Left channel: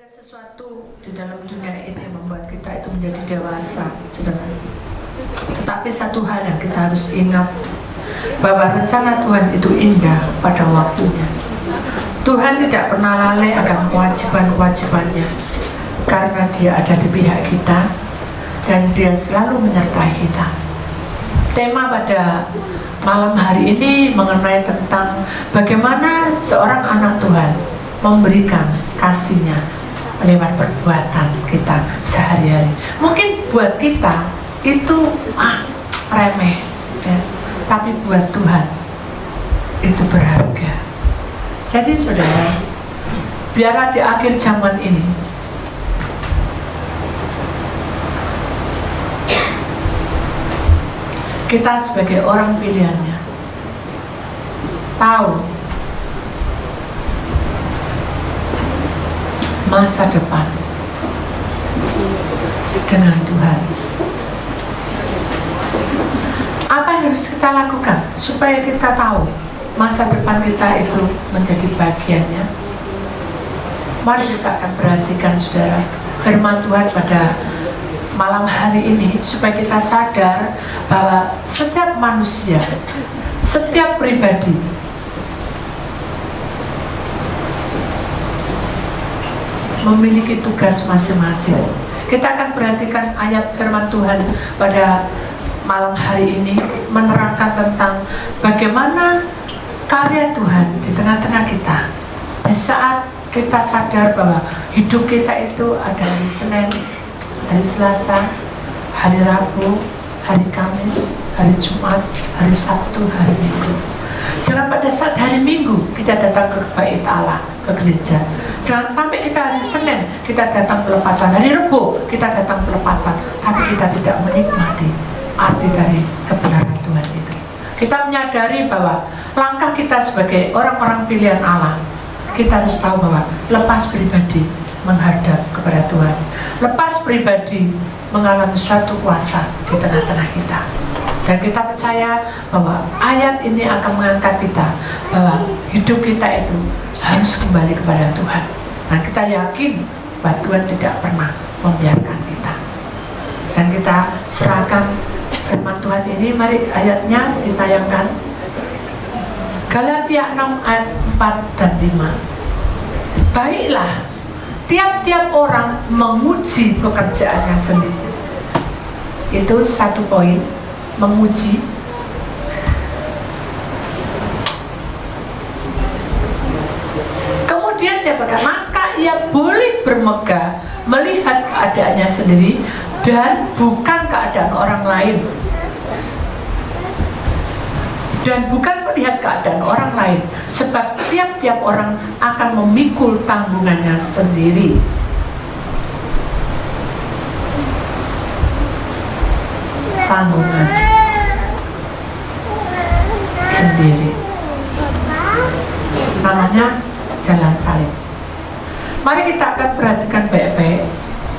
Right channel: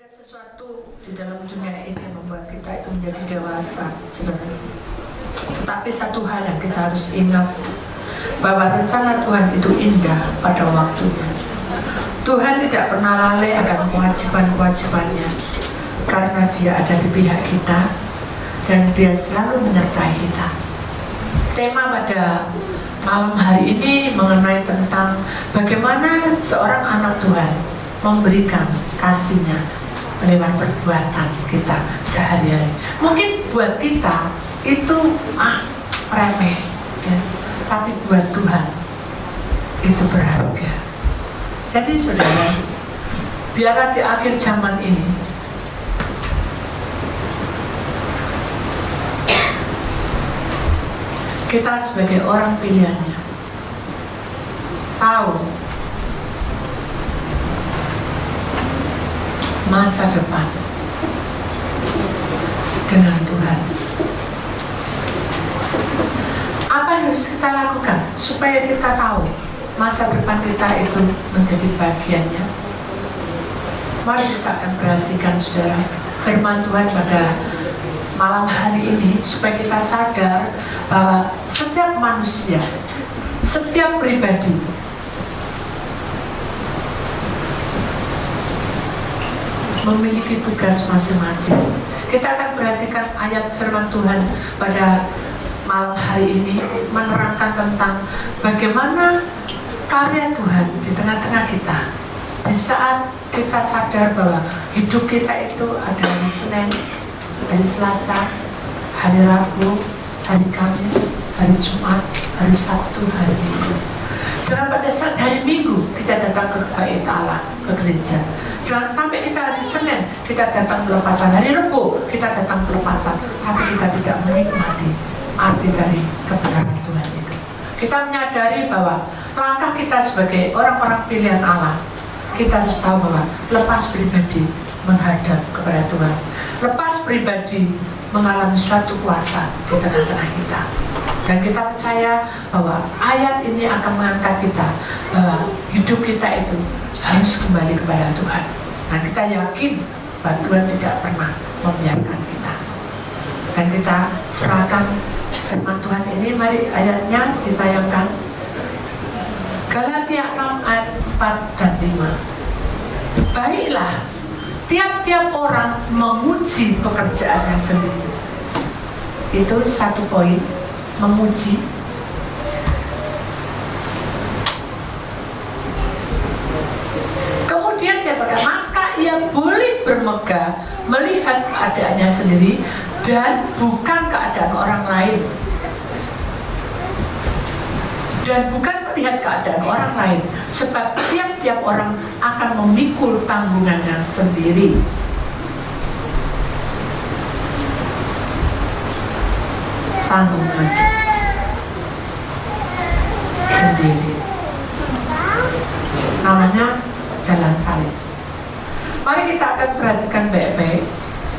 Ada sesuatu di dalam dunia ini yang membuat kita itu menjadi dewasa, saudara. Tetapi satu hal yang kita harus ingat, bahwa rencana Tuhan itu indah pada waktunya. Tuhan tidak pernah lalai akan kewajiban-kewajibannya, karena Dia ada di pihak kita dan Dia selalu menyertai kita. Tema pada malam hari ini mengenai tentang bagaimana seorang anak Tuhan memberikan kasihnya lewat perbuatan kita sehari-hari. Mungkin buat kita itu remeh, ya. Tapi buat Tuhan itu berharga. Jadi saudara, biarlah di akhir zaman ini kita sebagai orang pilihannya tahu masa depan dengan Tuhan. Apa yang harus kita lakukan supaya kita tahu masa depan kita itu menjadi bagiannya? Mari kita akan perhatikan saudara firman Tuhan pada malam hari ini, supaya kita sadar bahwa setiap manusia, setiap pribadi memiliki tugas masing-masing. Kita akan perhatikan ayat firman Tuhan pada malam hari ini menerangkan tentang bagaimana karya Tuhan di tengah-tengah kita. Di saat kita sadar bahwa hidup kita itu ada hari Senin, hari Selasa, hari Rabu, hari Kamis, hari Jumat, hari Sabtu, hari Minggu. Jangan pada saat hari Minggu kita datang ke bait Allah, ke gereja. Jangan sampai kita hari Senin kita datang pelepasan, hari Rabu kita datang pelepasan, tapi kita tidak menikmati arti dari kebenaran Tuhan itu. Kita menyadari bahwa langkah kita sebagai orang-orang pilihan Allah, kita harus tahu bahwa lepas pribadi menghadap kepada Tuhan, lepas pribadi mengalami suatu kuasa di tengah-tengah kita. Dan kita percaya bahwa ayat ini akan mengangkat kita bahwa hidup kita itu harus kembali kepada Tuhan. Nah, kita yakin bahwa Tuhan tidak pernah membiarkan kita. Dan kita serahkan firman Tuhan ini. Mari ayatnya ditayangkan. Galatia 6 ayat 4 dan 5. Baiklah, tiap-tiap orang memuji pekerjaannya sendiri. Itu satu poin, memuji. Kemudian dia berkata, maka ia boleh bermegah melihat keadaannya sendiri dan bukan keadaan orang lain. Dan bukan melihat keadaan orang lain, sebab tiap-tiap orang akan memikul tanggungannya sendiri. Tanggungan sendiri. Namanya jalan salib. Mari kita akan perhatikan baik-baik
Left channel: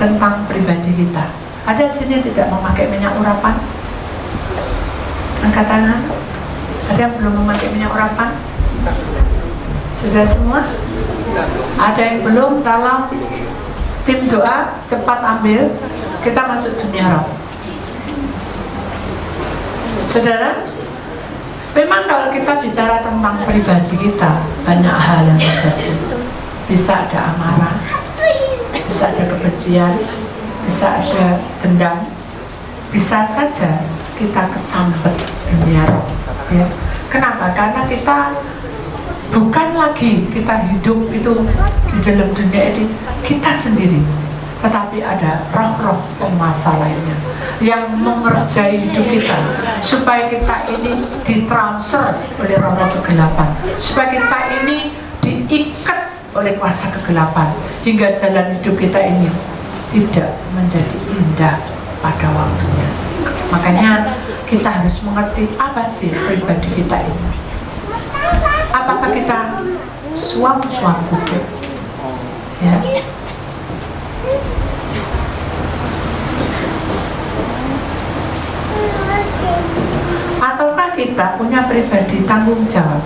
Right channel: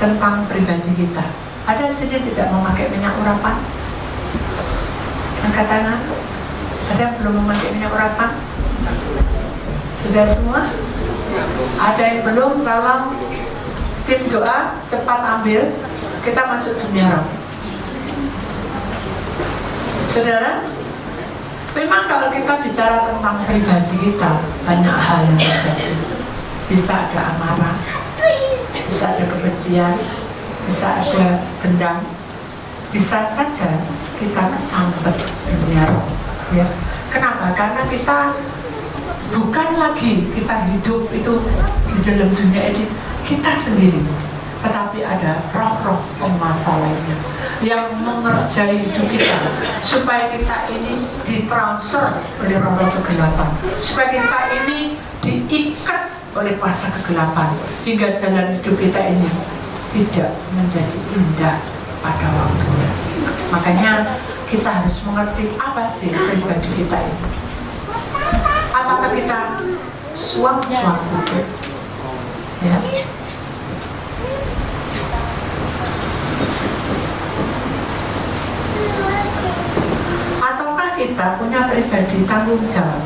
tentang pribadi kita. Ada sini tidak memakai minyak urapan? Angkat tangan. Ada yang belum memakai minyak urapan? Sudah semua? Ada yang belum? Tolong tim doa cepat ambil. Kita masuk dunia roh. Saudara, memang kalau kita bicara tentang pribadi kita, banyak hal yang terjadi. Bisa ada amarah, bisa ada kebencian, bisa ada dendam, bisa saja kita kesambet dunia roh. Ya. Kenapa? Karena kita bukan lagi kita hidup itu di dalam dunia ini kita sendiri, tetapi ada roh-roh penguasa lainnya yang mengerjai hidup kita supaya kita ini ditransfer oleh roh-roh kegelapan, supaya kita ini diikat oleh kuasa kegelapan hingga jalan hidup kita ini tidak menjadi indah pada waktunya. Makanya kita harus mengerti apa sih pribadi kita ini. Apakah kita suam-suam ya? Ataukah kita punya pribadi tanggung jawab?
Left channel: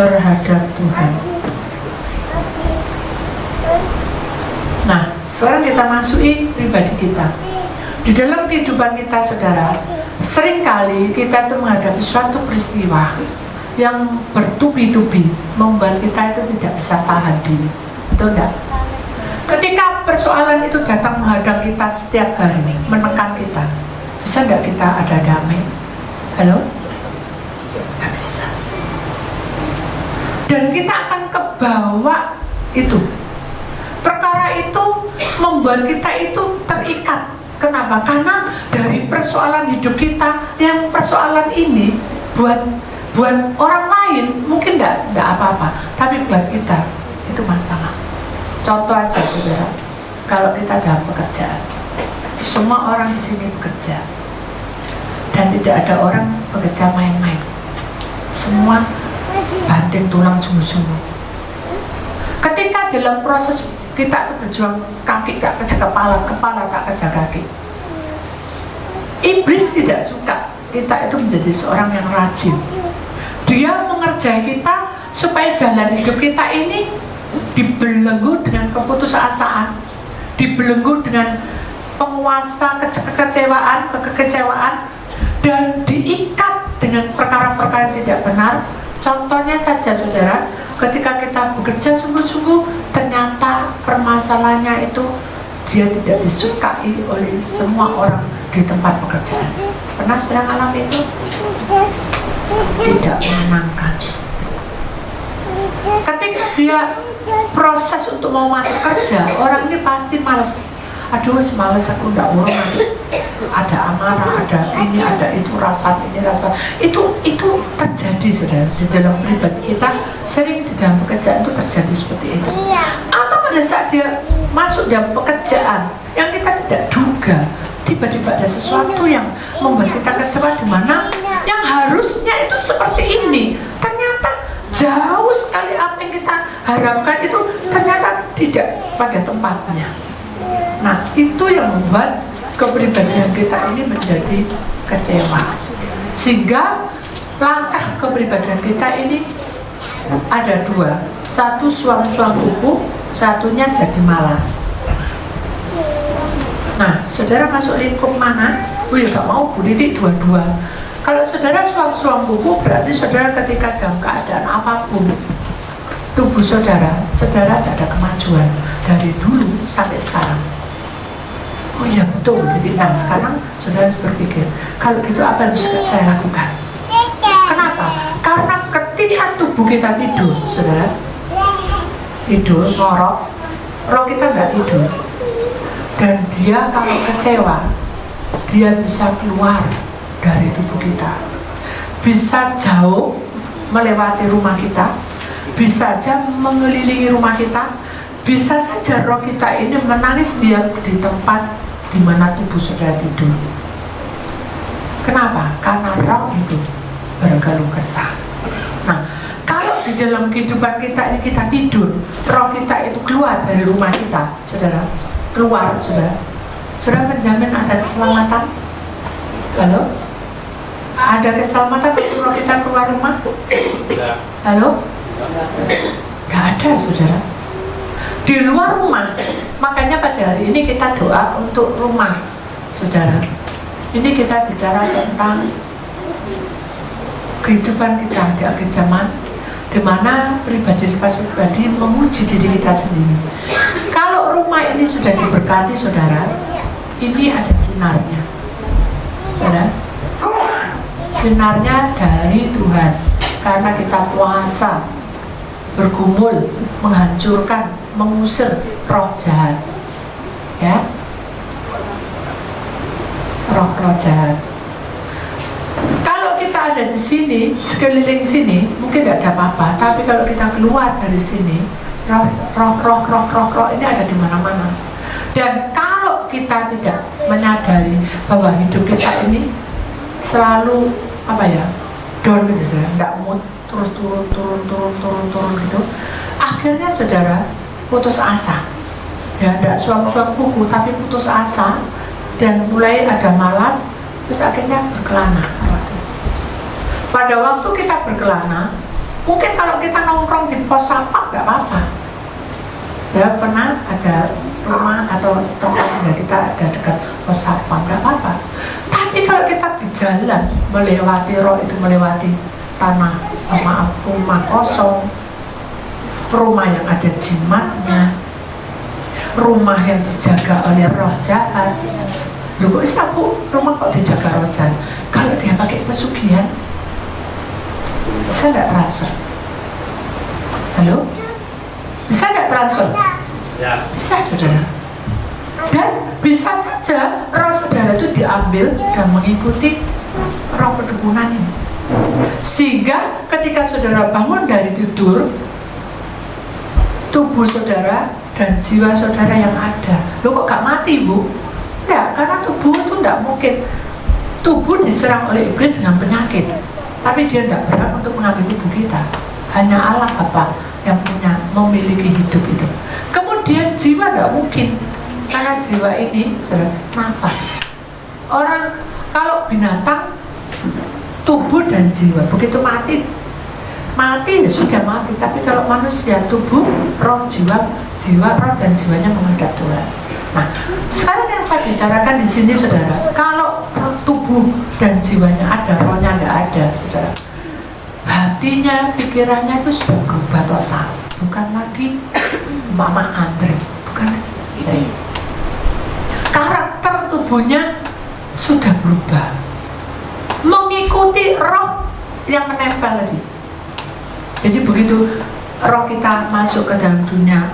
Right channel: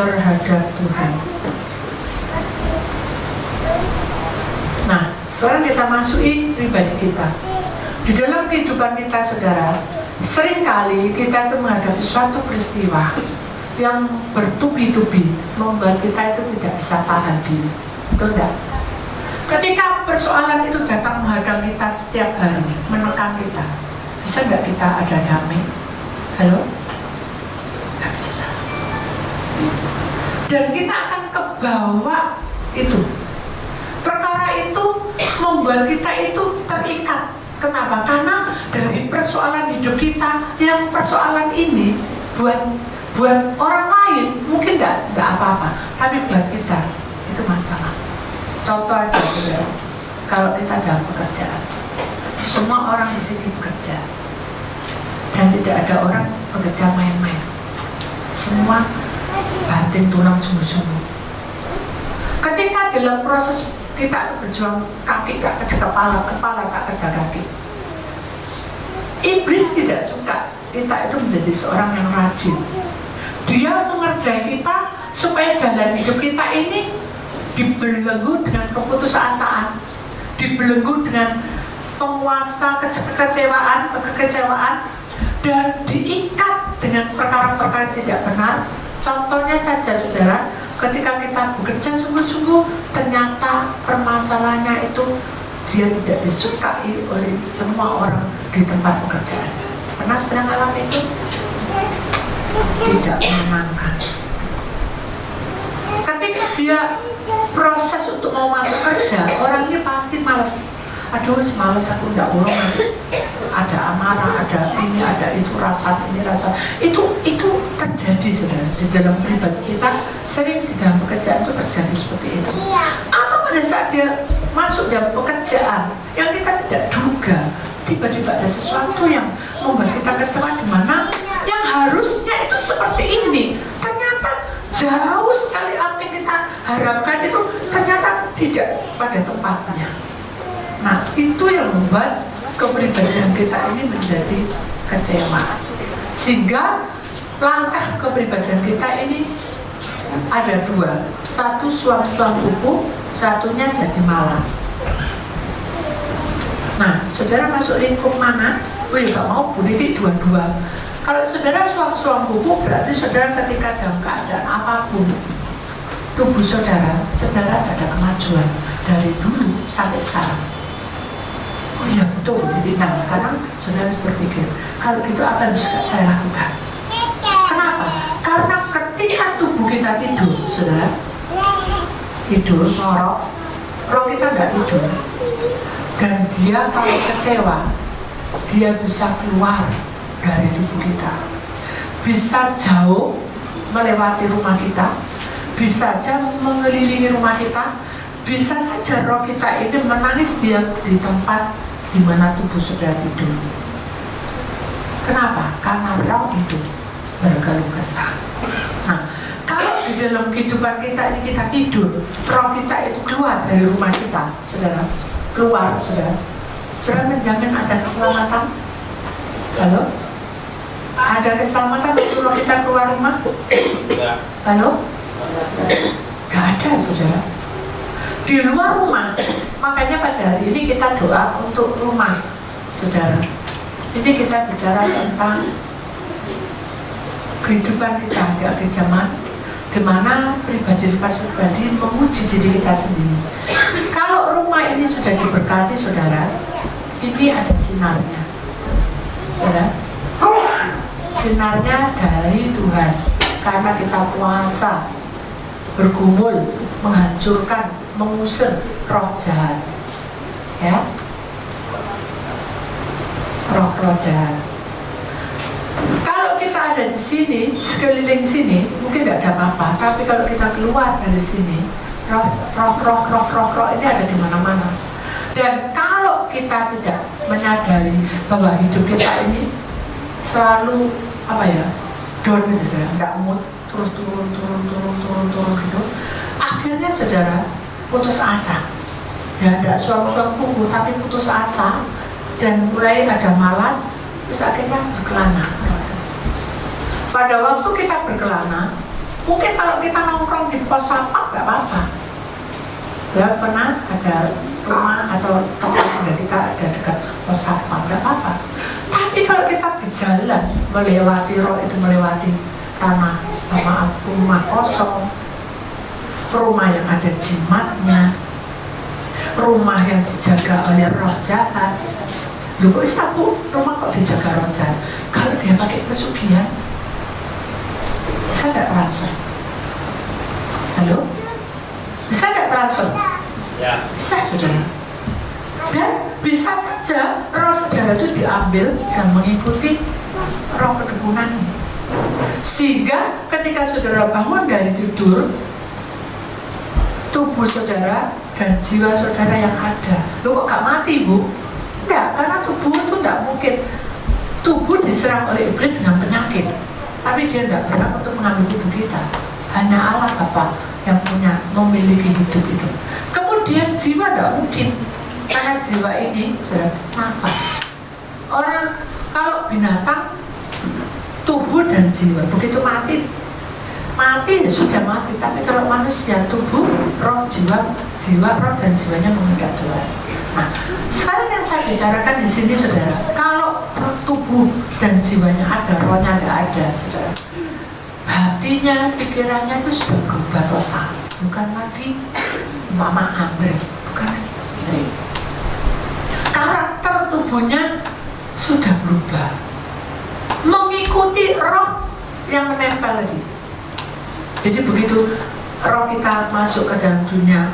terhadap Tuhan. Nah, sekarang kita masuki pribadi kita. Di dalam kehidupan kita, saudara, seringkali kita itu menghadapi suatu peristiwa yang bertubi-tubi, membuat kita itu tidak bisa tahan diri. Betul enggak? Ketika persoalan itu datang menghadang kita setiap hari, menekan kita, bisa enggak kita ada damai? Halo? Enggak bisa. Dan kita akan kebawa itu. Perkara itu membuat kita itu terikat. Kenapa? Karena dari persoalan hidup kita, yang persoalan ini buat orang lain mungkin nggak apa-apa, tapi buat kita itu masalah. Contoh aja, saudara, kalau kita dalam pekerjaan, semua orang di sini bekerja, dan tidak ada orang bekerja main-main. Semua banting tulang sungguh-sungguh. Ketika dalam proses kita berjuang, kaki gak kerja kepala, kepala gak kerja kaki. Iblis tidak suka kita itu menjadi seorang yang rajin. Dia mengerjai kita supaya jalan hidup kita ini dibelenggu dengan keputusasaan, dibelenggu dengan penguasa kekecewaan, dan diikat dengan perkara-perkara yang tidak benar. Contohnya saja, saudara, ketika kita bekerja sungguh-sungguh, ternyata permasalahannya itu dia tidak disukai oleh semua orang di tempat pekerjaan. Pernah sudah mengalami itu? Tidak menyenangkan. Ketika dia proses untuk mau masuk kerja, orang ini pasti malas. Aduh, semalas aku nggak mau nanti ada amarah, ada ini, ada itu, rasa ini, rasa itu terjadi, saudara. Di dalam pribadi kita sering di dalam pekerjaan itu terjadi seperti itu. Atau pada saat dia masuk dalam pekerjaan yang kita tidak duga, tiba-tiba ada sesuatu yang membuat kita kecewa, di mana yang harusnya itu seperti ini, ternyata jauh sekali apa yang kita harapkan itu ternyata tidak pada tempatnya. Nah, itu yang membuat kepribadian kita ini menjadi kecewa. Sehingga langkah kepribadian kita ini ada dua. Satu suam-suam buku, satunya jadi malas. Nah, saudara masuk lingkup mana? Gak mau Bu Titik dua-dua. Kalau saudara suam-suam buku, berarti saudara ketika dalam keadaan apapun tubuh saudara tidak ada kemajuan dari dulu sampai sekarang. Oh iya betul, jadi nah sekarang saudara harus berpikir, kalau gitu apa yang harus saya lakukan? Kenapa? Karena ketika tubuh kita tidur, saudara, tidur, ngorok, roh kita nggak tidur, dan dia kalau kecewa, dia bisa keluar dari tubuh kita, bisa jauh melewati rumah kita, bisa saja mengelilingi rumah kita, bisa saja roh kita ini menangis dia di tempat di mana tubuh saudara tidur. Kenapa? Karena roh itu berkeluh kesah. Nah, kalau di dalam kehidupan kita ini kita tidur, roh kita itu keluar dari rumah kita, saudara, keluar, saudara. Saudara menjamin ada keselamatan? Halo? Ada keselamatan kalau kita keluar rumah? Halo? Gak ada, saudara. Di luar rumah, makanya pada hari ini kita doa untuk rumah, saudara. Ini kita bicara tentang kehidupan kita di akhir zaman, di mana pribadi menguji diri kita sendiri. Kalau rumah ini sudah diberkati, saudara, ini ada sinarnya, saudara. Sinarnya dari Tuhan, karena kita puasa, bergumul, menghancurkan, mengusir roh jahat, ya, roh roh jahat. Kalau kita ada di sini, sekeliling sini, mungkin tidak ada apa-apa. Tapi kalau kita keluar dari sini, roh ini ada di mana-mana. Dan kalau kita tidak menyadari bahwa hidup kita ini selalu apa ya, down gitu, saya nggak mood, terus turun gitu. Akhirnya saudara putus asa, ya tidak suam-suam buku tapi putus asa dan mulai ada malas, terus akhirnya berkelana. Pada waktu kita berkelana, Mungkin kalau kita nongkrong di pos satpam nggak apa-apa. Ya pernah ada rumah atau toko yang kita ada dekat pos satpam, nggak apa-apa. Tapi kalau kita berjalan melewati melewati tanah, maaf, rumah kosong, rumah yang ada jimatnya, rumah yang dijaga oleh roh jahat. Loh kok sapu rumah kok dijaga roh jahat? Kalau dia pakai pesugihan, bisa nggak transfer? Halo? Bisa nggak transfer? Ya. Bisa, saudara. Dan bisa saja roh saudara itu diambil dan mengikuti roh perdukunan ini. Sehingga ketika saudara bangun dari tidur, tubuh saudara dan jiwa saudara yang ada, lo kok gak mati, Bu? Enggak, karena tubuh itu enggak mungkin. Tubuh diserang oleh iblis dengan penyakit, tapi dia tidak berhak untuk mengambil tubuh kita. Hanya Allah Bapa yang punya, memiliki hidup itu. Kemudian jiwa tidak mungkin, karena jiwa ini sudah nafas. Orang kalau binatang, tubuh dan jiwa begitu mati ya sudah mati. Tapi kalau manusia, tubuh, roh, jiwa, roh dan jiwanya menghadap Tuhan. Nah, sekarang yang saya bicarakan di sini, saudara, kalau tubuh dan jiwanya ada, rohnya tidak ada, saudara, hatinya, pikirannya itu sudah berubah total. Bukan lagi Mama Andre, bukan lagi. Karakter tubuhnya sudah berubah, mengikuti roh yang menempel tadi. Jadi begitu roh kita masuk ke dalam dunia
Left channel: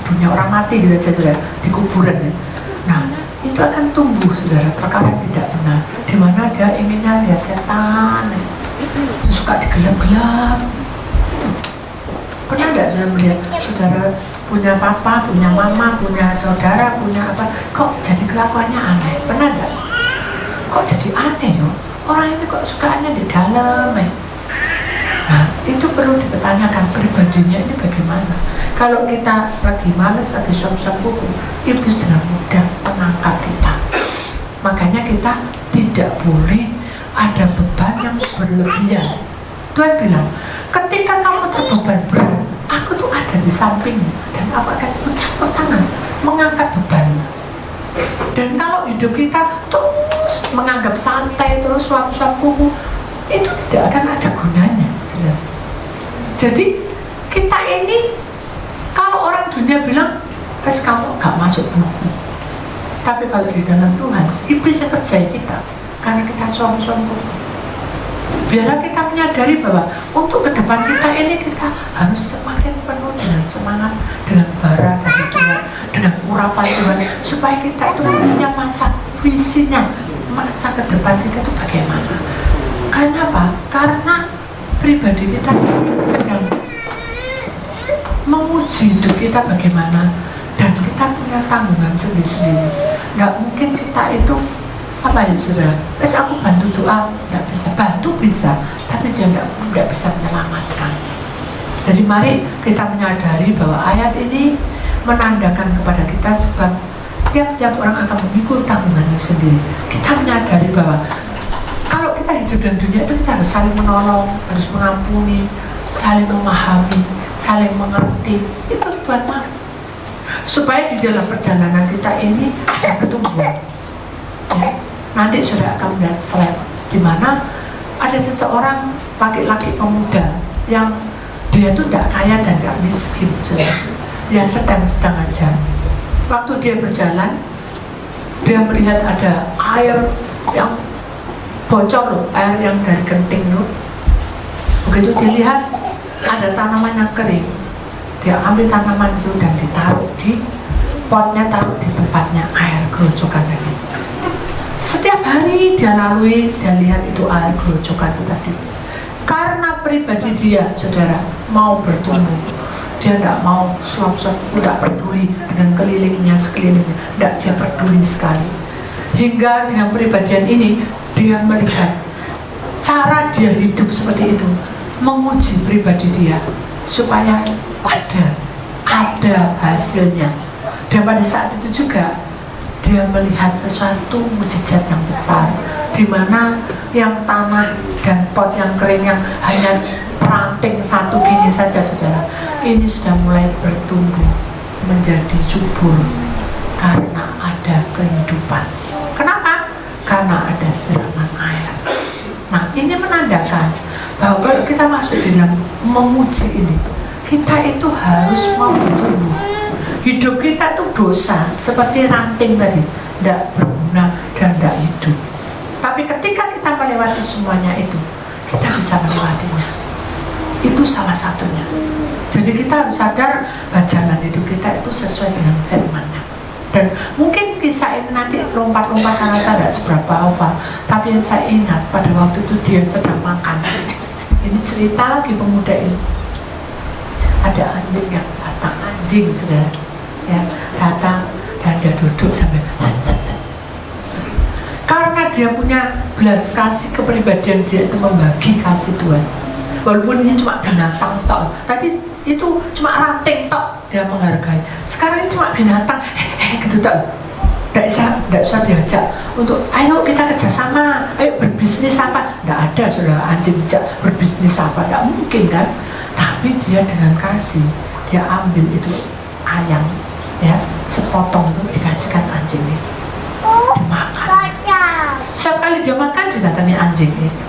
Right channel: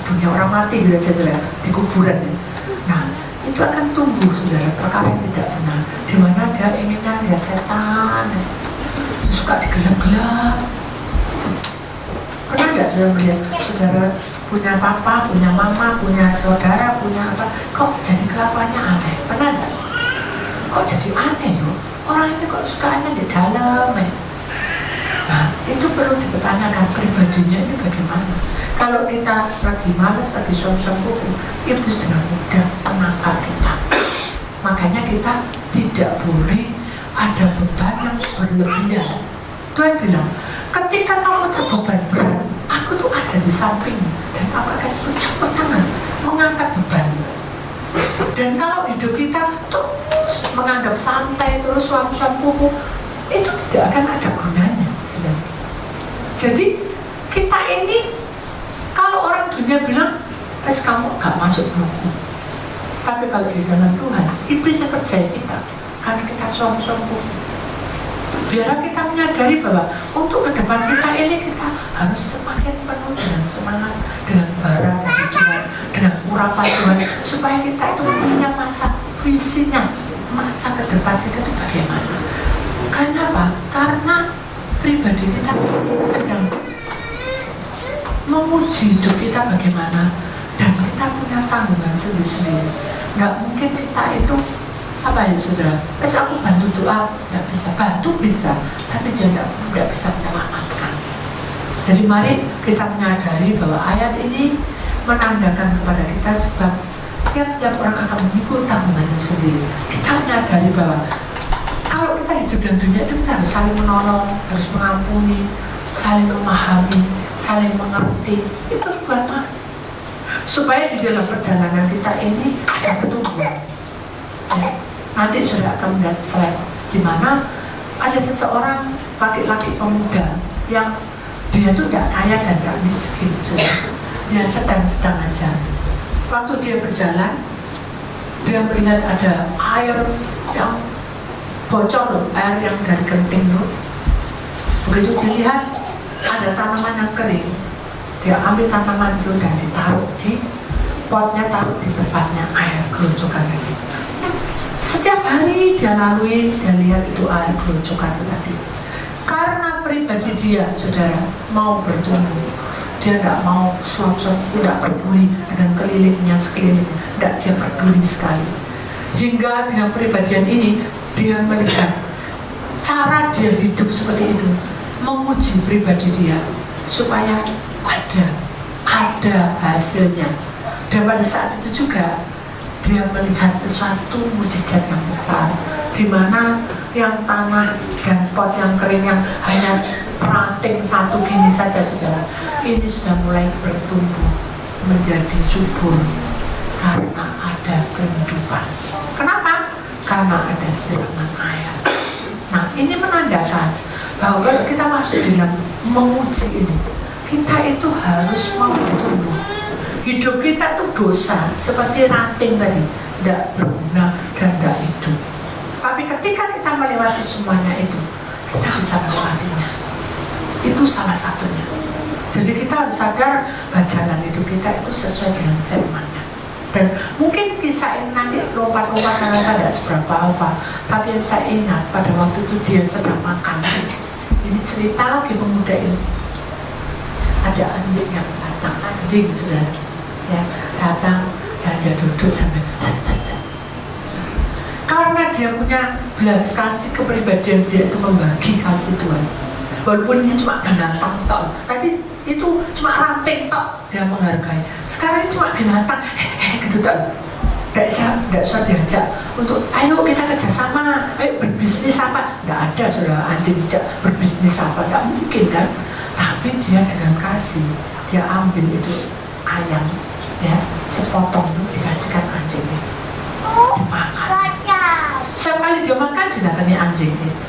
dunia orang mati gitu aja, saudara, di kuburan ya. Nah, itu akan tumbuh, saudara, perkara yang tidak benar. Di mana dia inginnya lihat setan, suka digelap-gelap. Pernah nggak saudara melihat saudara punya papa, punya mama, punya saudara, punya apa? Kok jadi kelakuannya aneh? Pernah nggak? Kok jadi aneh yo? Orang itu kok sukanya di dalam ya? Nah, itu perlu dipertanyakan pribadinya ini bagaimana. Kalau kita lagi males, lagi som-som kuku, iblis dengan mudah menangkap kita. Makanya kita tidak boleh ada beban yang berlebihan. Tuhan bilang, ketika kamu terbeban berat, aku tuh ada di sampingmu, dan apakah itu campur tangan mengangkat beban. Dan kalau hidup kita terus menganggap santai, terus suam-suam kuku, itu tidak akan ada gunanya. Jadi kita ini, kalau orang dunia bilang, kamu gak masuk rumahku. Tapi kalau di dalam Tuhan, iblis percaya kita, karena kita suam-suam kuku. Biarlah kita menyadari bahwa untuk ke depan kita ini, kita harus semakin penuh dengan semangat, dengan bara dari Tuhan, dengan urapan Tuhan, supaya kita itu punya masa visinya, masa ke depan kita itu bagaimana. Karena apa? Karena pribadi kita sedang menguji hidup kita bagaimana, dan kita punya tanggungan sendiri-sendiri. Nggak mungkin kita itu apa ya, saudara? Aku bantu doa, nggak bisa. Bantu bisa, tapi dia nggak bisa menyelamatkan. Jadi mari kita menyadari bahwa ayat ini menandakan kepada kita, sebab tiap-tiap orang akan memikul tanggungannya sendiri. Kita menyadari bahwa kalau kita hidup dalam dunia itu, kita harus saling menolong, harus mengampuni, saling memahami, saling mengerti. Itu buat mas, supaya di dalam perjalanan kita ini ada pertumbuhan. Ya. Nanti sudah akan melihat slide di mana ada seseorang laki-laki pemuda yang dia itu tidak kaya dan tidak miskin, dia sedang-sedang aja. Waktu dia berjalan, dia melihat ada air yang bocor loh, air yang dari genting loh. Begitu dilihat ada tanaman yang kering, dia ambil tanaman itu dan ditaruh di potnya, taruh di tempatnya air gerojokan tadi. Setiap hari dia lalui dan lihat itu air gerojokan itu tadi. Karena pribadi dia, saudara, mau bertumbuh, dia tidak mau suap-suap, tidak peduli dengan kelilingnya, sekelilingnya, tidak, dia peduli sekali. Hingga dengan pribadian ini, dia melihat cara dia hidup seperti itu, menguji pribadi dia supaya ada hasilnya. Dan pada saat itu juga dia melihat sesuatu mujizat yang besar, di mana yang tanah dan pot yang kering yang hanya ranting satu gini saja saudara, ini sudah mulai bertumbuh menjadi subur karena ada kehidupan. Kenapa? Karena ada siraman air. Nah, ini menandakan bahwa kalau kita masuk dalam menguji ini, kita itu harus mau tumbuh. Hidup kita itu dosa seperti ranting tadi, tidak berguna dan tidak hidup. Tapi ketika kita melewati semuanya itu, kita bisa melewatinya. Itu salah satunya. Jadi kita harus sadar bahwa jalan hidup kita itu sesuai dengan firman-Nya. Dan mungkin kisah ini nanti lompat-lompat karena saya tidak seberapa hafal. Tapi yang saya ingat pada waktu itu dia sedang makan. Ini cerita lagi pemuda ini. Ada anjing yang datang, anjing saudara, ya datang dan dia duduk sampai. Karena dia punya belas kasih kepribadian, dia itu membagi kasih Tuhan. Walaupun ini cuma binatang tok, tadi itu cuma ranting tok, dia menghargai. Sekarang ini cuma binatang, gitu tok. Tidak usah diajak untuk ayo kita kerjasama, ayo berbisnis apa. Tidak ada saudara anjing berbisnis apa, tidak mungkin kan. Tapi dia dengan kasih, dia ambil itu ayam, ya sepotong itu dikasihkan anjing itu, dimakan. Setiap kali dia makan didatangi anjing itu.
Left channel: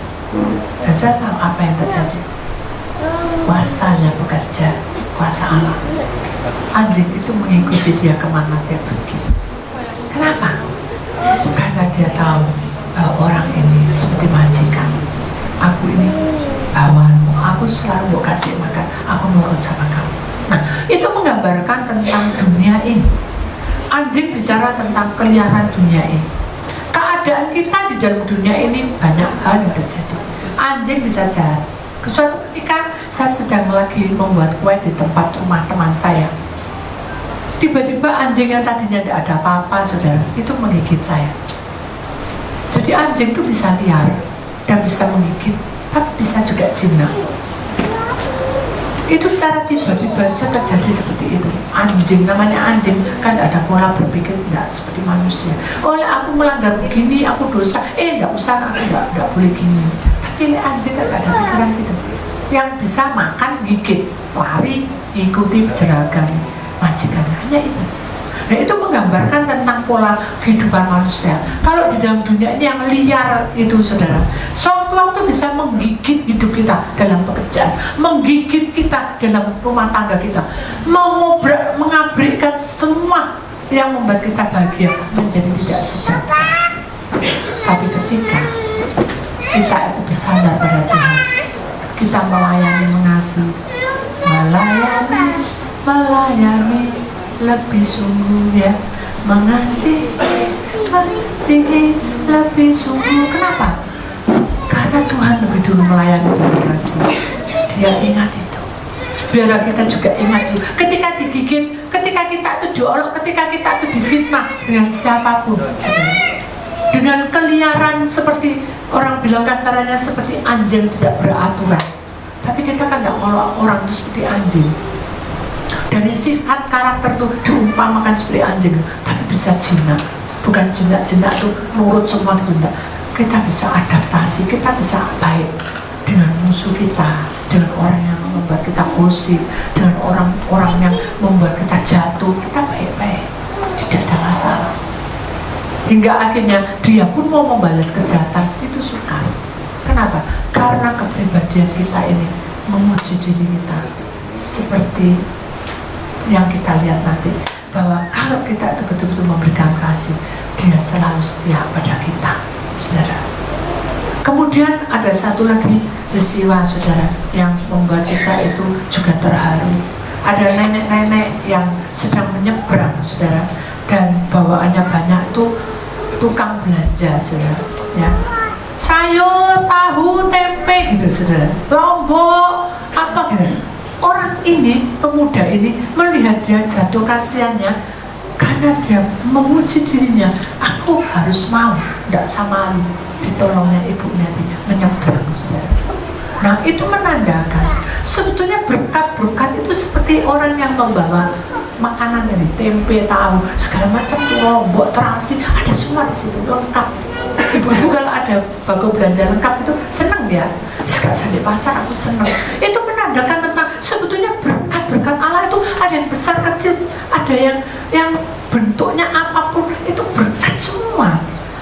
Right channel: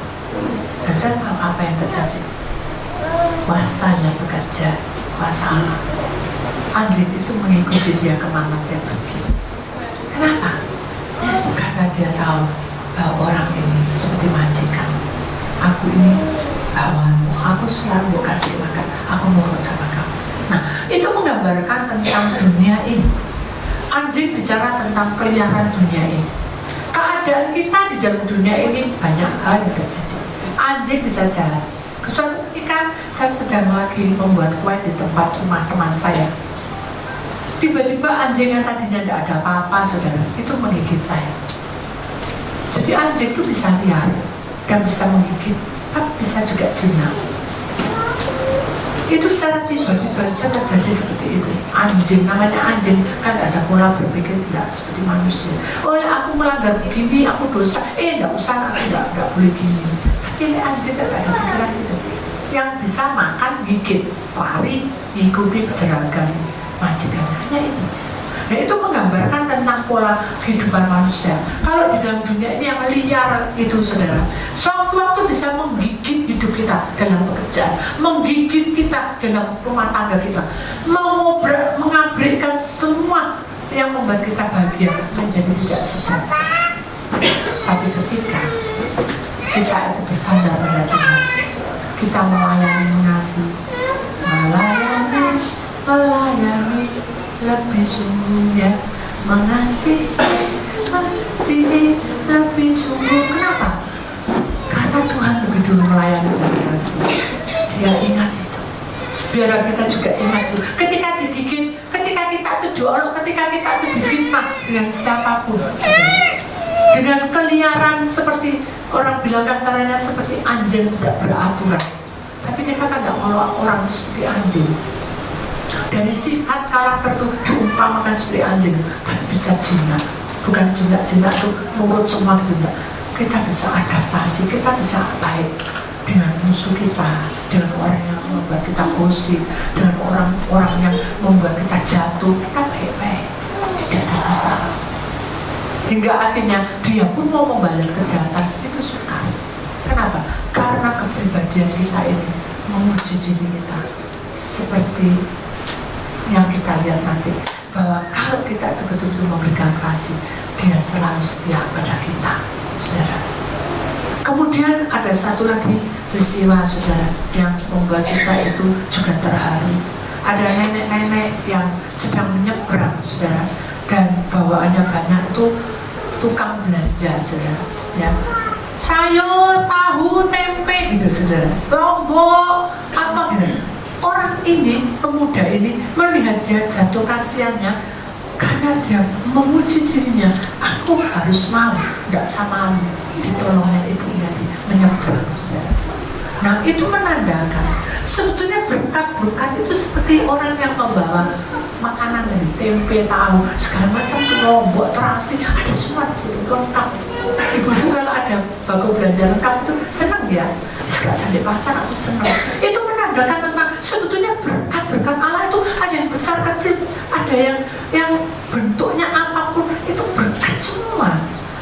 Dan saya tahu apa yang terjadi. Kuasanya bekerja, kuasa Allah. Anjing itu mengikuti dia kemana dia pergi. Kenapa? Karena dia tahu bahwa orang ini seperti majikan. Aku ini bawaanmu, aku selalu mau kasih makan, aku nurut sama kamu. Nah, itu menggambarkan tentang dunia ini. Anjing bicara tentang keliaran dunia ini. Keadaan kita di dalam dunia ini banyak hal yang terjadi. Anjing bisa jahat. Suatu ketika saya sedang lagi membuat kue di tempat rumah teman saya, tiba-tiba anjing yang tadinya tidak ada apa-apa saudara, itu menggigit saya. Jadi anjing itu bisa liar dan bisa menggigit, tapi bisa juga jinak. Itu secara tiba-tiba saja terjadi seperti itu. Anjing, namanya anjing kan tidak ada pola berpikir, tidak seperti manusia. Oh ya, aku melanggar begini, aku dosa. Tidak usah, aku tidak boleh gini. Tapi anjing kan tidak ada pikiran gitu. Yang bisa makan, gigit, lari, ikuti jeragan majikannya, hanya itu. Nah, itu menggambarkan tentang pola kehidupan manusia. Kalau di dalam dunia ini yang liar itu saudara, suatu waktu bisa menggigit hidup kita dalam pekerjaan, menggigit kita dalam rumah tangga kita, mengabrikkan semua yang membuat kita bahagia menjadi tidak sejahtera. Tapi ketika kita itu bersandar pada Tuhan, kita melayani, mengasihi, melayani lebih sungguh, ya, mengasihi lebih sungguh. Kenapa? Karena Tuhan lebih dulu melayani dan mengasihi. Dia ingat itu. Biar kita juga ingat itu. Ketika digigit, ketika kita itu diolok, ketika kita itu difitnah dengan siapapun, dengan keliaran seperti orang bilang kasarnya seperti anjing tidak beraturan. Tapi kita kan tidak ngolok orang itu seperti anjing. Dari sifat karakter itu diumpamakan seperti anjing, tapi bisa jinak. Bukan jinak-jinak itu nurut semua gitu, enggak. Kita bisa adaptasi, kita bisa baik dengan musuh kita, dengan orang yang membuat kita gosip, dengan orang-orang yang membuat kita jatuh, kita baik-baik, tidak ada masalah. Hingga akhirnya dia pun mau membalas kejahatan, itu sukar. Kenapa? Karena kepribadian kita ini menguji diri kita seperti yang kita lihat nanti, bahwa kalau kita itu betul-betul memberikan kasih, dia selalu setia pada kita, saudara. Kemudian ada satu lagi peristiwa, saudara, yang membuat kita itu juga terharu. Ada nenek-nenek yang sedang menyeberang, saudara, dan bawaannya banyak itu tukang belanja, saudara, ya, sayur, tahu, tempe, gitu, saudara, lombok, apa gitu. Orang ini, pemuda ini, melihat dia jatuh kasihannya, karena dia menguji dirinya, aku harus mau, tidak sama ditolongnya ibunya, menyeberang, saudara. Nah, itu menandakan sebetulnya berkat-berkat itu seperti orang yang membawa makanan dari tempe, tahu, segala macam, lombok, terasi, ada semua di situ lengkap. Ibu-ibu kalau ada bako belanja lengkap itu senang ya. Sekarang saya di pasar aku senang. Itu menandakan tentang sebetulnya berkat-berkat Allah itu ada yang besar kecil, ada yang bentuknya apapun itu berkat semua.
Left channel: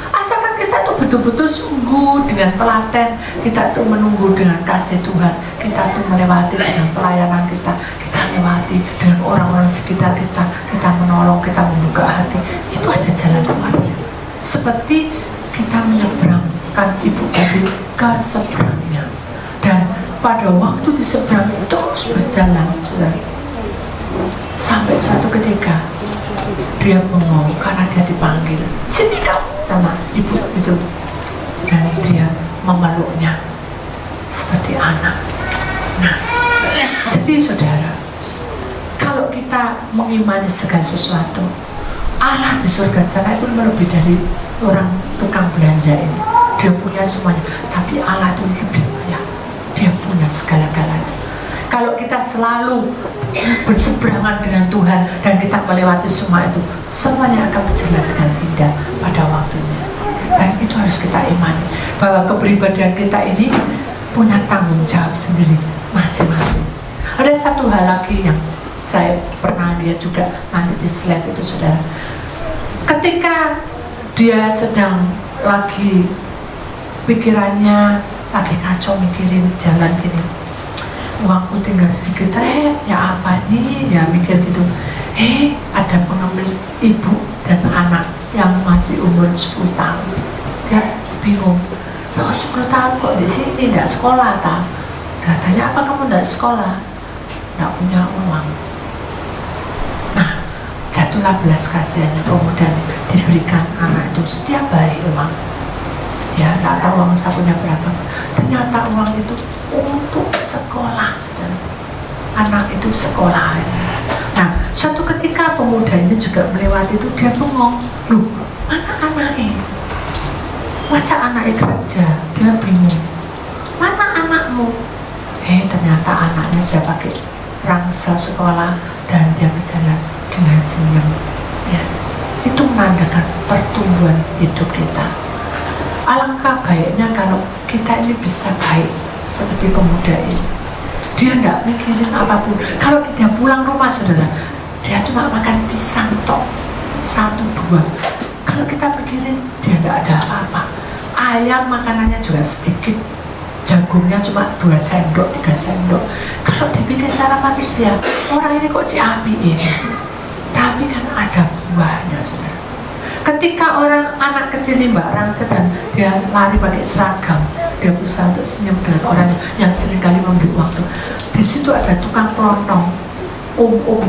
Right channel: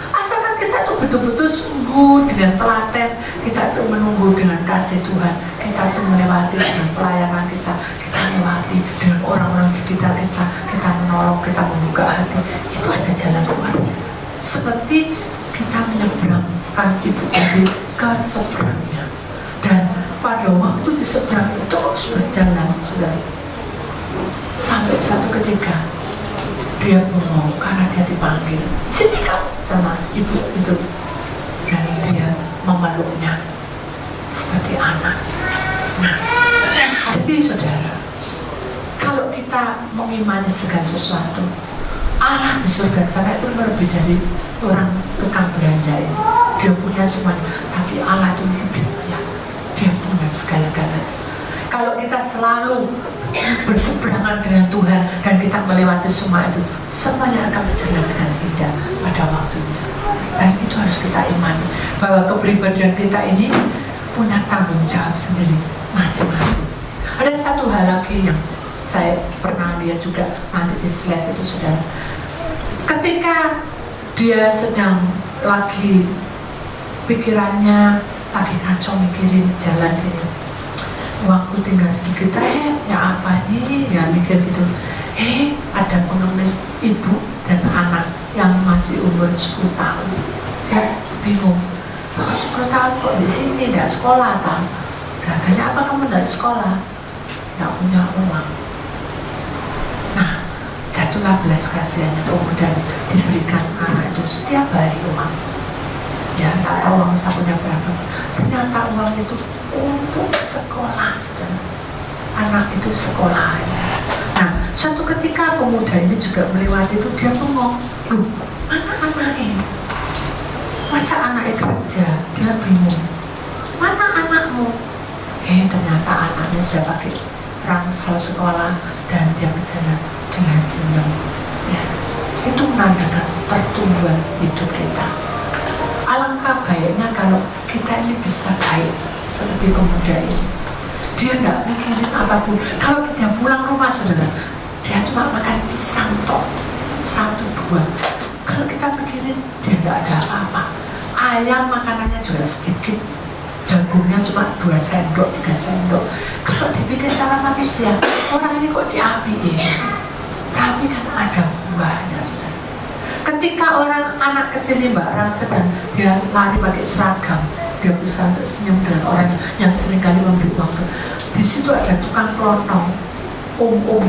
Asalkan kita tuh betul-betul sungguh dengan telaten, kita tuh menunggu dengan kasih Tuhan, kita tuh melewati dengan pelayanan kita lewati dengan orang-orang sekitar kita menolong, kita membuka hati, itu ada jalan keluarnya. Seperti kita menyeberangkan ibu tadi ke seberangnya, dan pada waktu di seberang terus berjalan, saudara, sampai suatu ketika dia bengong karena dia dipanggil, sini kamu, sama ibu itu, dan dia memeluknya seperti anak. Nah, jadi saudara, kalau kita mengimani segala sesuatu, Allah di surga sana itu lebih dari orang tukang belanja ini. Dia punya semuanya, tapi Allah itu lebih kaya. Dia punya segala-galanya. Kalau kita selalu berseberangan dengan Tuhan dan kita melewati semua itu, semuanya akan berjalan dengan indah pada waktunya. Dan itu harus kita imani, bahwa kepribadian kita ini punya tanggung jawab sendiri masing-masing. Ada satu hal lagi yang saya pernah lihat juga nanti di slide itu, saudara. Ketika dia sedang lagi pikirannya lagi kacau mikirin jalan ini, uangku tinggal sedikit, ya apa ini, ya mikir gitu. Ada pengemis ibu dan anak yang masih umur 10 tahun. Dia bingung, 10 tahun kok di sini, nggak sekolah tak? Katanya, apa kamu nggak sekolah? Nggak punya uang. Nah, jatuhlah belas kasihannya, kemudian diberikan anak itu setiap hari uang. Ya, nggak tahu uang sakunya berapa. Ternyata uang itu untuk sekolah, saudara. Anak itu sekolah. Nah, suatu ketika pemuda ini juga melewati itu, dia bengong. Loh, mana anaknya? Masa anaknya kerja? Dia bingung. Mana anakmu? Ternyata anaknya sudah pakai ransel sekolah dan dia berjalan dengan senyum. Ya, itu menandakan pertumbuhan hidup kita. Alangkah baiknya kalau kita ini bisa baik seperti pemuda ini. Dia tidak mikirin apapun. Kalau dia pulang rumah, saudara, dia cuma makan pisang tok, 1-2. Kalau kita pikirin, dia tidak ada apa-apa. Ayam makanannya juga sedikit, jagungnya cuma 2 sendok, 3 sendok. Kalau dipikir secara manusia, orang ini kok ciapi ini. Tapi kan ada buahnya, saudara. Ketika orang anak kecil ini Mbak Rang sedang dia lari pakai seragam, dia berusaha untuk senyum dengan orang yang seringkali memberi uang. Di situ ada tukang pelontong,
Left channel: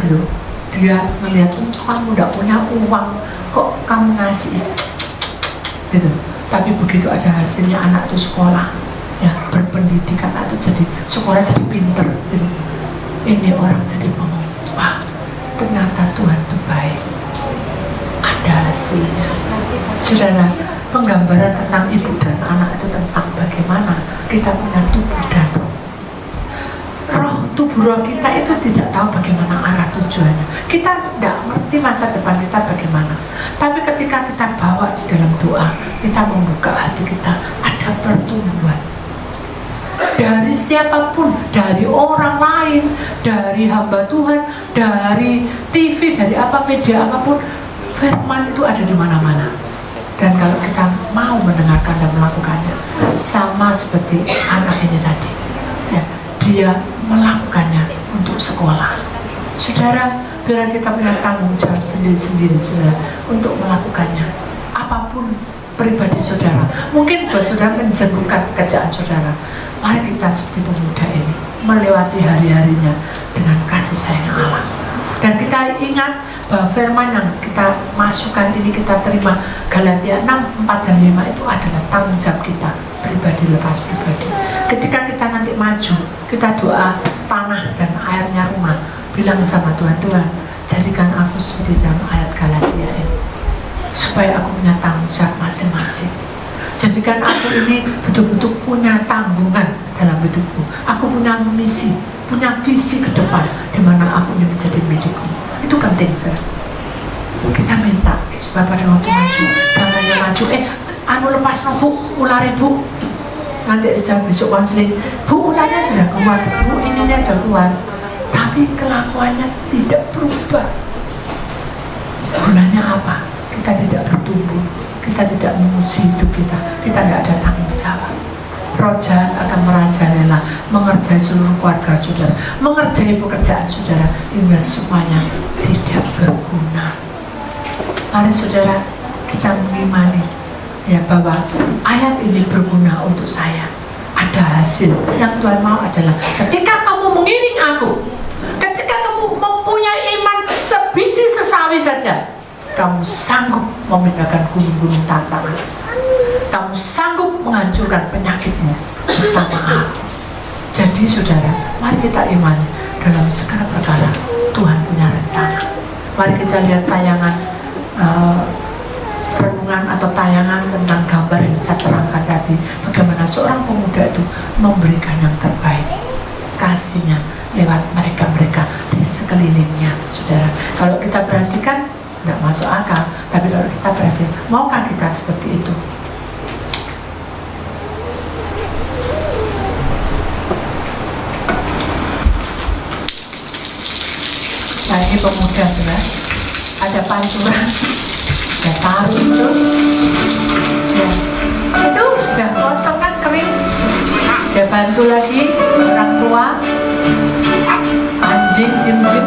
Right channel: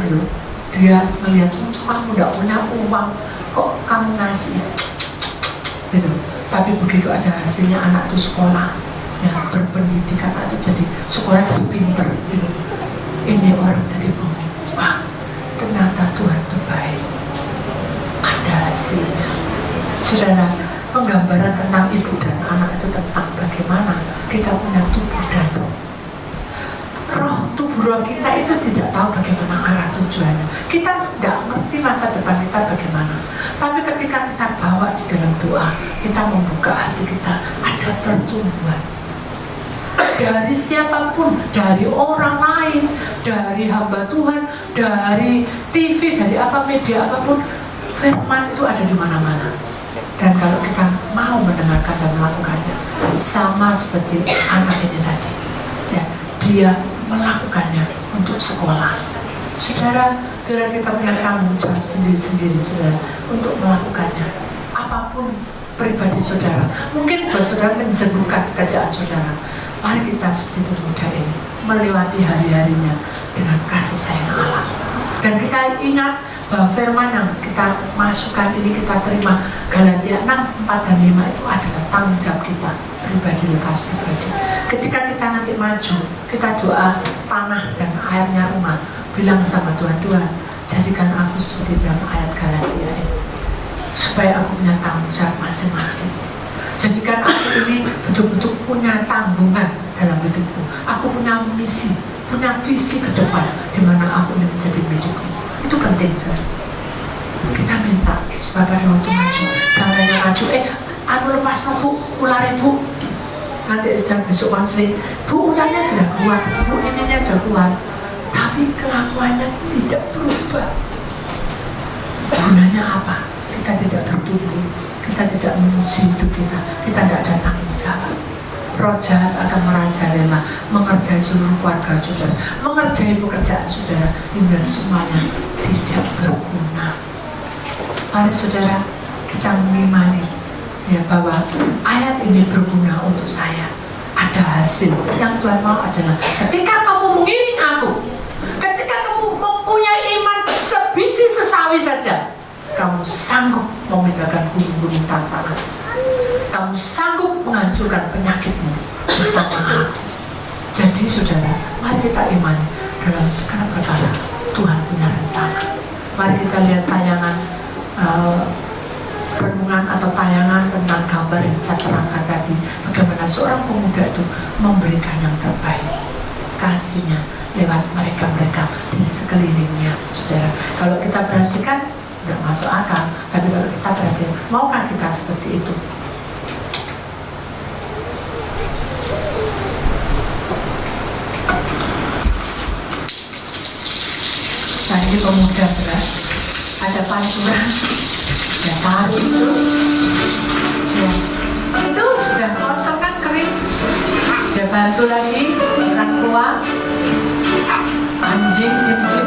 gitu. Dia melihat, kamu tidak punya uang, kok kamu ngasih? Gitu. Tapi begitu ada hasilnya, anak itu sekolah, ya berpendidikan, atau jadi sekolah jadi pinter. Gitu. Ini orang jadi bengong. Wah, ternyata Tuhan itu baik. Ada hasilnya. Saudara, penggambaran tentang ibu dan anak itu tentang bagaimana kita punya tubuh dan roh. Tubuh roh kita itu tidak tahu bagaimana arah tujuannya. Kita tidak ngerti masa depan kita bagaimana. Tapi ketika kita bawa di dalam doa, kita membuka hati kita, ada pertumbuhan. Dari siapapun, dari orang lain, dari hamba Tuhan, dari TV, dari apa media apapun, firman itu ada di mana-mana. Dan kalau kita mau mendengarkan dan melakukannya, sama seperti anak ini tadi, ya, dia melakukannya untuk sekolah. Saudara, biar kita punya tanggung jawab sendiri-sendiri, saudara, untuk melakukannya. Apapun pribadi saudara, mungkin buat saudara menjemurkan kerjaan saudara. Mari kita seperti pemuda ini melewati hari-harinya dengan kasih sayang Allah. Dan kita ingat bahwa firman yang kita masukkan ini, kita terima, Galatia 6:4 dan 5 itu adalah tanggung jawab kita pribadi lepas pribadi. Ketika kita nanti maju, kita doa tanah dan airnya rumah, bilang sama Tuhan, Tuhan jadikan aku seperti dalam ayat Galatia ini, supaya aku punya tanggung jawab masing-masing. Jadikan aku ini betul-betul punya tanggungan dalam hidupku. Aku punya misi, punya visi ke depan, di mana aku ini menjadi milikku. Itu penting, saudara. Kita minta supaya pada waktu maju, jangan hanya maju, anu lepas Bu, ularnya Bu. Nanti sudah besok konseling, Bu ularnya sudah keluar, Bu ininya sudah keluar. Tapi kelakuannya tidak berubah. Gunanya apa? Kita tidak bertumbuh, kita tidak menguji hidup kita tidak ada tanggung jawab. Roh jahat akan merajalela, mengerjai seluruh keluarga saudara, mengerjai pekerjaan saudara, hingga semuanya tidak berguna. Mari saudara, kita mengimani ya bahwa ayat ini berguna untuk saya. Ada hasil. Yang Tuhan mau adalah ketika kamu mengiring aku, ketika kamu mempunyai iman sebiji sesawi saja, kamu sanggup memindahkan gunung-gunung tantangan. Kamu sanggup menghancurkan penyakitmu bersama aku. Jadi saudara, mari kita imani dalam segala perkara Tuhan punya rencana. Mari kita lihat tayangan renungan atau tayangan tentang gambar yang saya terangkan tadi, bagaimana seorang pemuda itu memberikan yang terbaik kasihnya lewat mereka-mereka di sekelilingnya. Saudara, kalau kita perhatikan tidak masuk akal, tapi kalau kita perhatikan, maukah kita seperti itu? Nah, ini pemuda saudara, ada pancuran, ya tarik itu, ya itu sudah kosong kan, kering. Dia bantu lagi orang tua, anjing, jim-jim,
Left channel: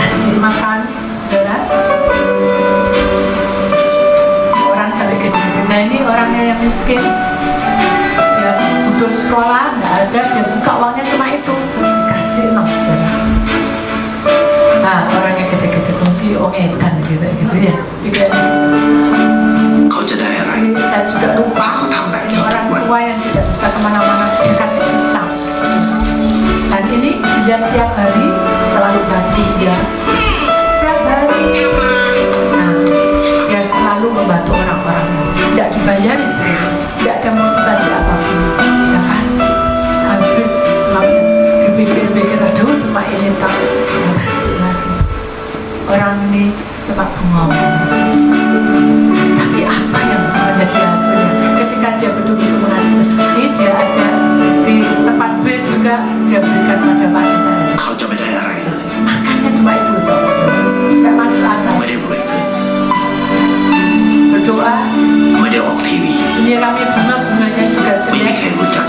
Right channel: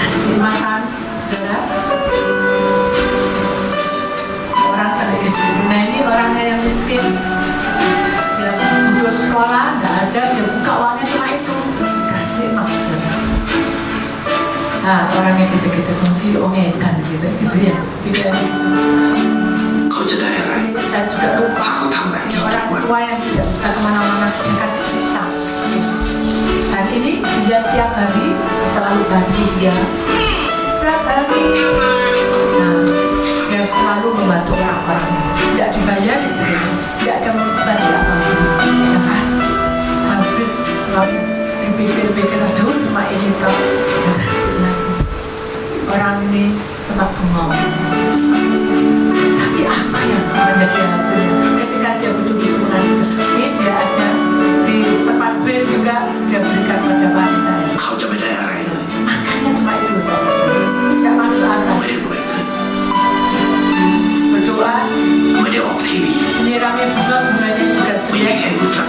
kasih makan, saudara. Orang sampai gede. Nah ini orangnya yang miskin, dia butuh sekolah, nggak ada, dia buka uangnya cuma itu, kasih no, saudara. Nah, orangnya gede-gede mungkin ongedan gitu ya. Kau jadi Jadi saya juga lupa orang tua yang tidak bisa kemana-mana, dia kasih pisang. Dan ini dia tiap hari selalu bagi dia setiap hari. Nah, dia selalu membantu orang-orang, tidak dibayar juga, tidak ada motivasi apapun. Dia kasih habis, lalu dipikir-pikir, aduh cuma ini tak, dia kasih lagi. Orang ini cepat bengong. Tapi apa yang menjadi hasilnya? Ketika dia betul-betul menghasilkan, ini dia ada di tempat base juga, dia berikan pada wanita. Kauจะไม่ได้อะไรเลย Makannya cuma itu, tidak masuk akal. ไม่ได้รวยขึ้น Berdoa, ไม่ได้ออกทีวี menyirami bunga-bunganya juga ไม่มี jelek. ใครรู้จัก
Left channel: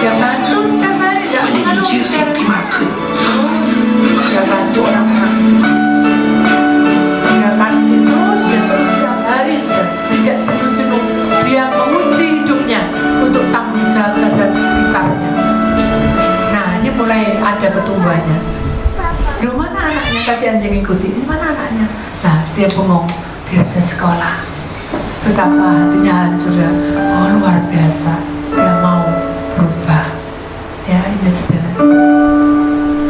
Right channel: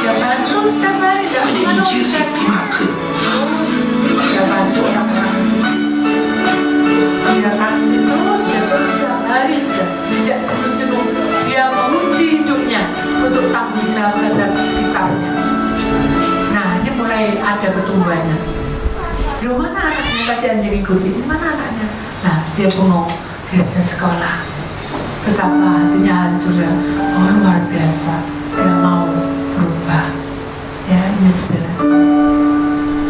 Dia bantu setiap hari, tidak ไม่ได้มีชื่อเสียง mengeluhkan. ที่มากขึ้น Terus dia bantu orang-orang. Dia kasih terus setiap hari sudah, tidak jenuh-jenuh. Dia menguji hidupnya untuk tanggung jawab terhadap sekitarnya. Nah ini mulai ada pertumbuhannya. Di mana anaknya? Tadi anjing ikuti. Di mana anaknya? Nah dia bengong, dia sudah sekolah. Betapa hatinya hancur ya. Oh luar biasa. Dia mau berubah. Ya ini saudara.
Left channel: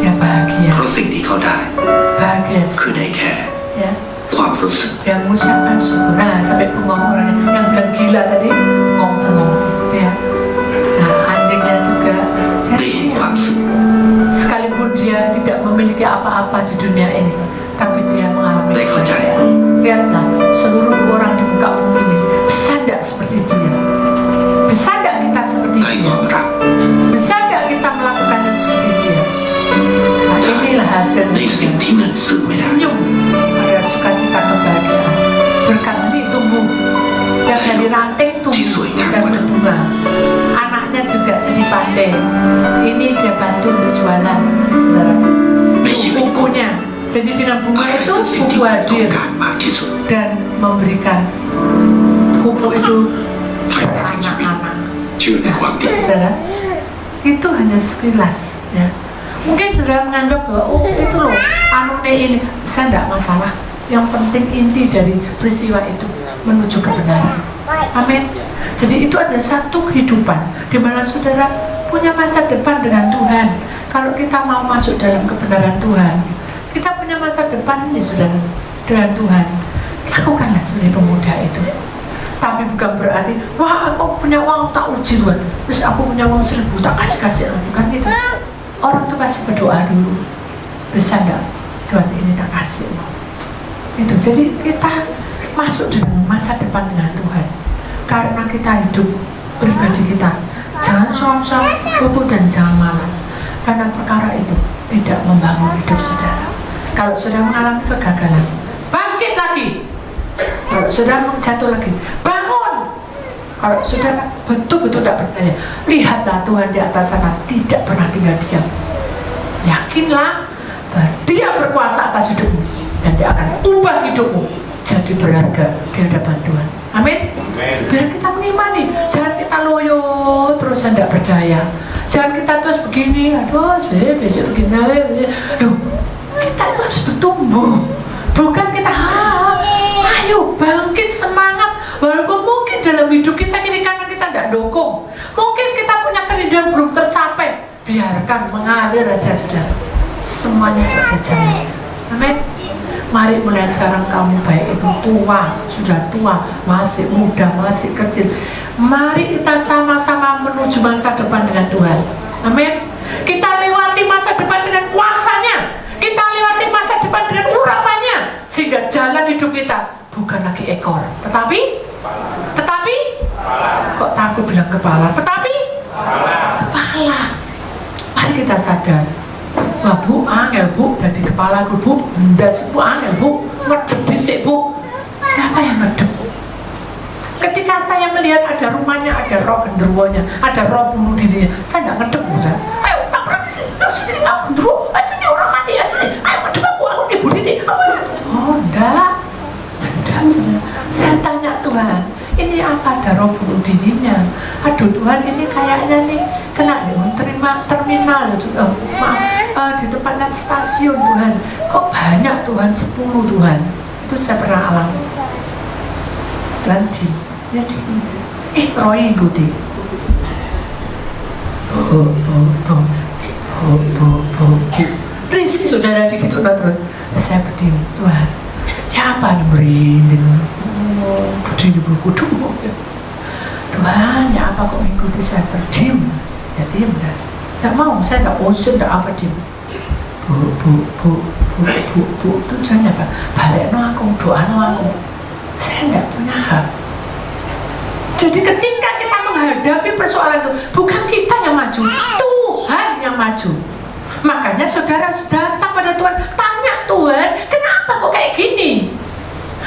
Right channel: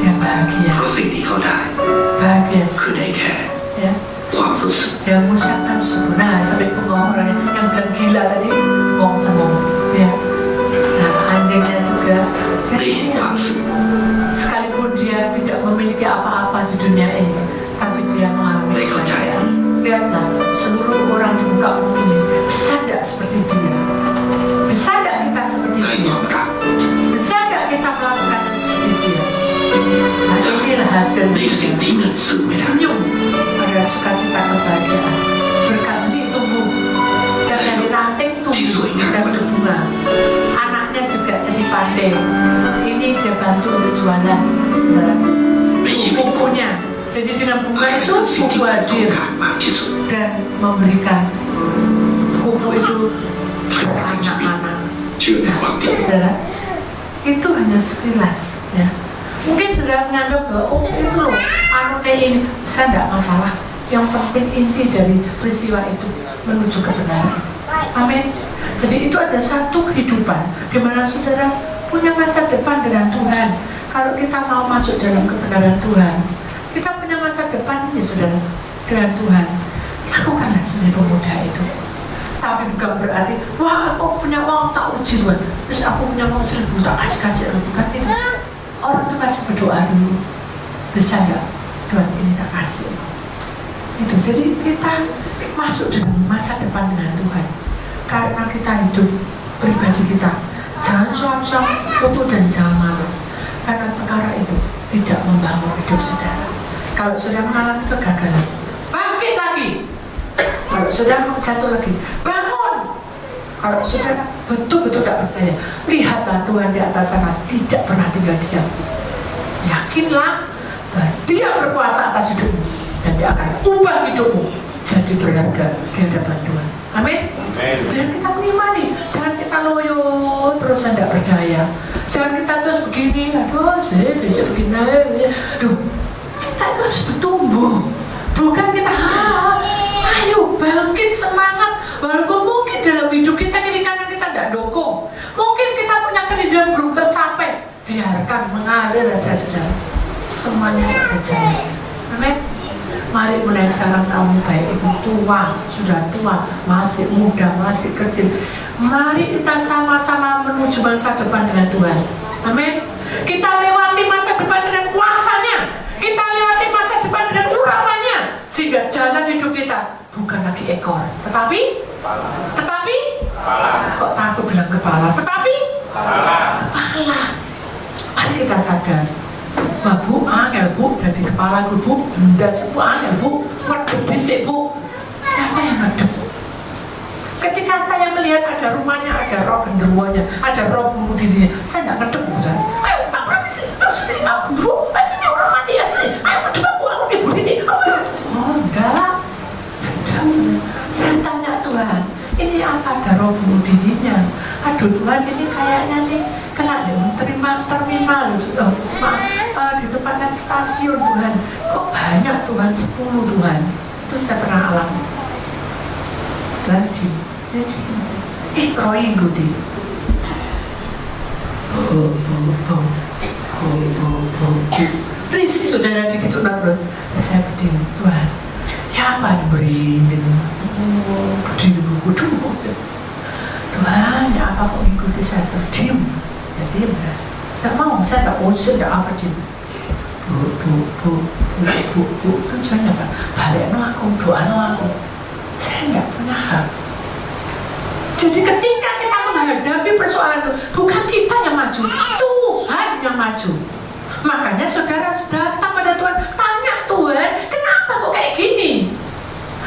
Dia bahagia. เพราะสิ่งที่เขาได้ Bahagia คือ sekali. ได้แค่ Ya. ความรู้สึก Dia mengucapkan syukur. Nah sampai bengong orangnya yang bilang gila tadi bengong. Ya. Nah anjingnya juga. ได้เห็นความสุข Sekalipun dia tidak memiliki apa-apa di dunia ini, tapi dia mengalami Baik, kebahagiaan. Lihatlah seluruh orang di muka bumi ini, bisa tidak seperti dia? Bisa tidak kita seperti ได้ค dia? วามรัก Bisa tidak kita melakukannya seperti dia? Nah inilah hasilnya. ในสิ่งที่เงินซื้อไม่ได้ Senyum pada sukacita kebahagiaan. Berkat ini tumbuh, dan dari ranting tumbuh dan berbunga. Anaknya juga jadi pandai. Ini dia bantu untuk jualan, saudara. ในชีวิตคน Bukunya. Jadi dengan อะ bunga ไร itu คือสิ่ง buku ที่คุณต้อง hadir การมากที่สุด dan memberikan buku itu ใคร ke ประกันชีวิต anak-anak. เชื่อในความดี Saudara, itu hanya sekilas ya. Mungkin saudara menganggap bahwa oh itu loh anunya ini, bisa nggak masalah. Yang penting inti dari peristiwa itu menuju kebenaran. Amin. Jadi itu ada satu kehidupan di mana saudara punya masa depan dengan Tuhan. Kalau kita mau masuk dalam kebenaran Tuhan, kita punya masa depan ini saudara dengan Tuhan. Lakukanlah sebagai pemuda itu. Tapi bukan berarti, wah aku punya uang tak uji Tuhan, terus aku punya uang 1.000 tak kasih-kasih. Bukan itu. Orang tuh kasih berdoa dulu, bisa enggak Tuhan ini tak kasih. Itu jadi kita masuk dalam masa depan dengan Tuhan. Karena kita hidup pribadi kita, jangan soang-soang putus dan jangan malas. Karena perkara itu tidak membangun hidup saudara. Kalau sudah mengalami kegagalan, bangkit lagi. Kalau sudah jatuh lagi, bangun. Kalau sudah betul-betul tidak berdaya, lihatlah Tuhan di atas sana tidak pernah tinggal diam. Yakinlah bahwa Dia berkuasa atas hidupmu dan Dia akan ubah hidupmu jadi berharga di hadapan Tuhan. Amin. Biar kita mengimani, jangan kita loyo terus tidak berdaya. Jangan kita terus begini, aduh besok begini, aduh. Kita harus bertumbuh, bukan kita ayo bangkit semangat. Walaupun mungkin dalam hidup kita ini karena kita tidak dukung, mungkin kita punya kerinduan belum tercapai, biarkan mengalir aja saudara. Semuanya ada jalan. Amin. Mari mulai sekarang kamu baik itu tua, sudah tua, masih muda, masih kecil. Mari kita sama-sama menuju masa depan dengan Tuhan. Amin. Kita lewati masa depan dengan kuasanya. Kita lewati masa depan dengan urapannya. Sehingga jalan hidup kita bukan lagi ekor, tetapi kok takut bilang kepala, tetapi kepala. Mari kita sadar. Wah bu, angel bu, dari kepala bu, benda sebu angel bu, ngedep disik bu. Siapa yang ngedep? Ketika saya melihat ada rumahnya, ada roh genderuwonya, ada roh bunuh dirinya, saya nggak ngedep saudara. Ayo tabrak di sini, sini aku dulu, sini orang mati ya sini, ayo ngedep aku dibunuh diri. Oh enggak, saudara. Saya tanya Tuhan, ini apa ada roh bunuh dirinya? Aduh Tuhan, ini kayaknya nih kena terima terminal di tempatnya stasiun Tuhan. Kok banyak Tuhan, 10 Tuhan. Itu saya pernah alami. Lanjut, ya cukup. Roy Gudi. Risi saudara dikitu terus. Saya berdiri, Tuhan. Ya apa nih berdiri buku Tuhan, ya apa kok mengikuti saya berdiri? Ya diam dah. Tidak mau, saya tidak bosan, tidak apa diam. Bu, tujuannya apa? Balik aku, doa aku. Saya tidak punya hak. Jadi ketika kita menghadapi persoalan itu, bukan kita yang maju, Tuhan yang maju. Makanya saudara datang pada Tuhan, tanya Tuhan, kenapa kok kayak gini?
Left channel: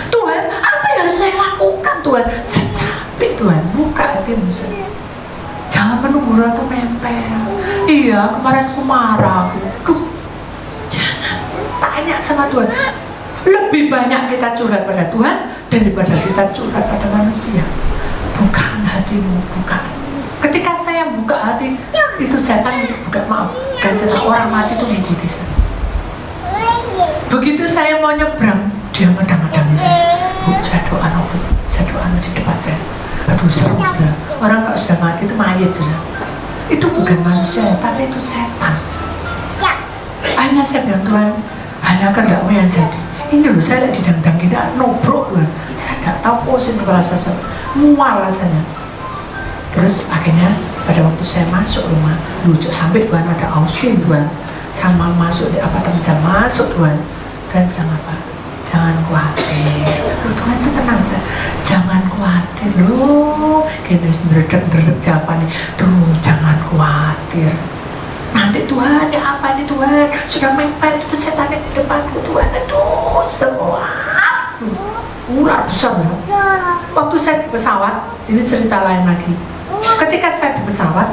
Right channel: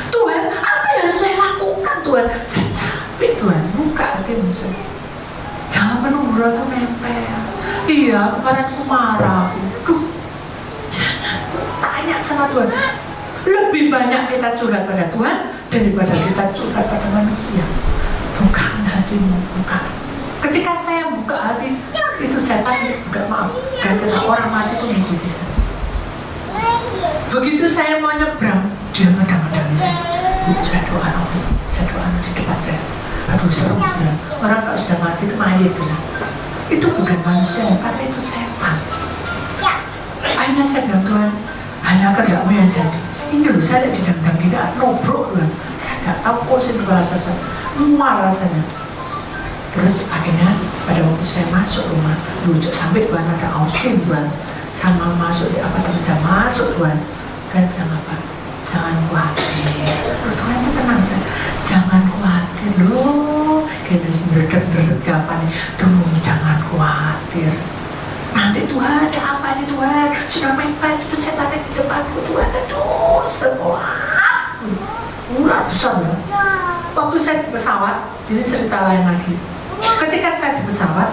Tuhan, apa yang harus saya lakukan Tuhan? Saya capek Tuhan, buka hatimu. Jangan menunggu ratu nempel. Iya, kemarin aku marah. Jangan, tanya sama Tuhan. Lebih banyak kita curhat pada Tuhan daripada kita curhat pada manusia. Bukan hatimu, bukan. Ketika saya buka hati, itu setan bukan, maaf, kan setan orang mati itu mengikuti saya. Begitu saya mau nyebrang, dia madang-madang saya. Bu, saya doa di depan saya. Aduh seru sudah. Orang kalau sudah mati itu mayat sudah. Itu bukan manusia, tapi itu setan. Akhirnya saya bilang Tuhan, hanya kehendakmu yang jadi. Ini loh saya ada di dendam gini, nobrok Tuhan. Saya nggak tahu pusing kepala saya, mual rasanya. Terus akhirnya pada waktu saya masuk rumah, lucu sampai Tuhan ada Austin Tuhan, sama masuk di apartemen jam masuk Tuhan. Dan bilang apa? Jangan khawatir. Loh Tuhan itu tenang saya. Jangan khawatir loh. Gini sendiri jawabannya. Tuh jangan khawatir. Nanti Tuhan ada apa nih Tuhan? Sudah mepet itu setan di depanku Tuhan. Aduh semua. Ular besar loh. Waktu saya di pesawat, ini cerita lain lagi. Ketika saya di pesawat,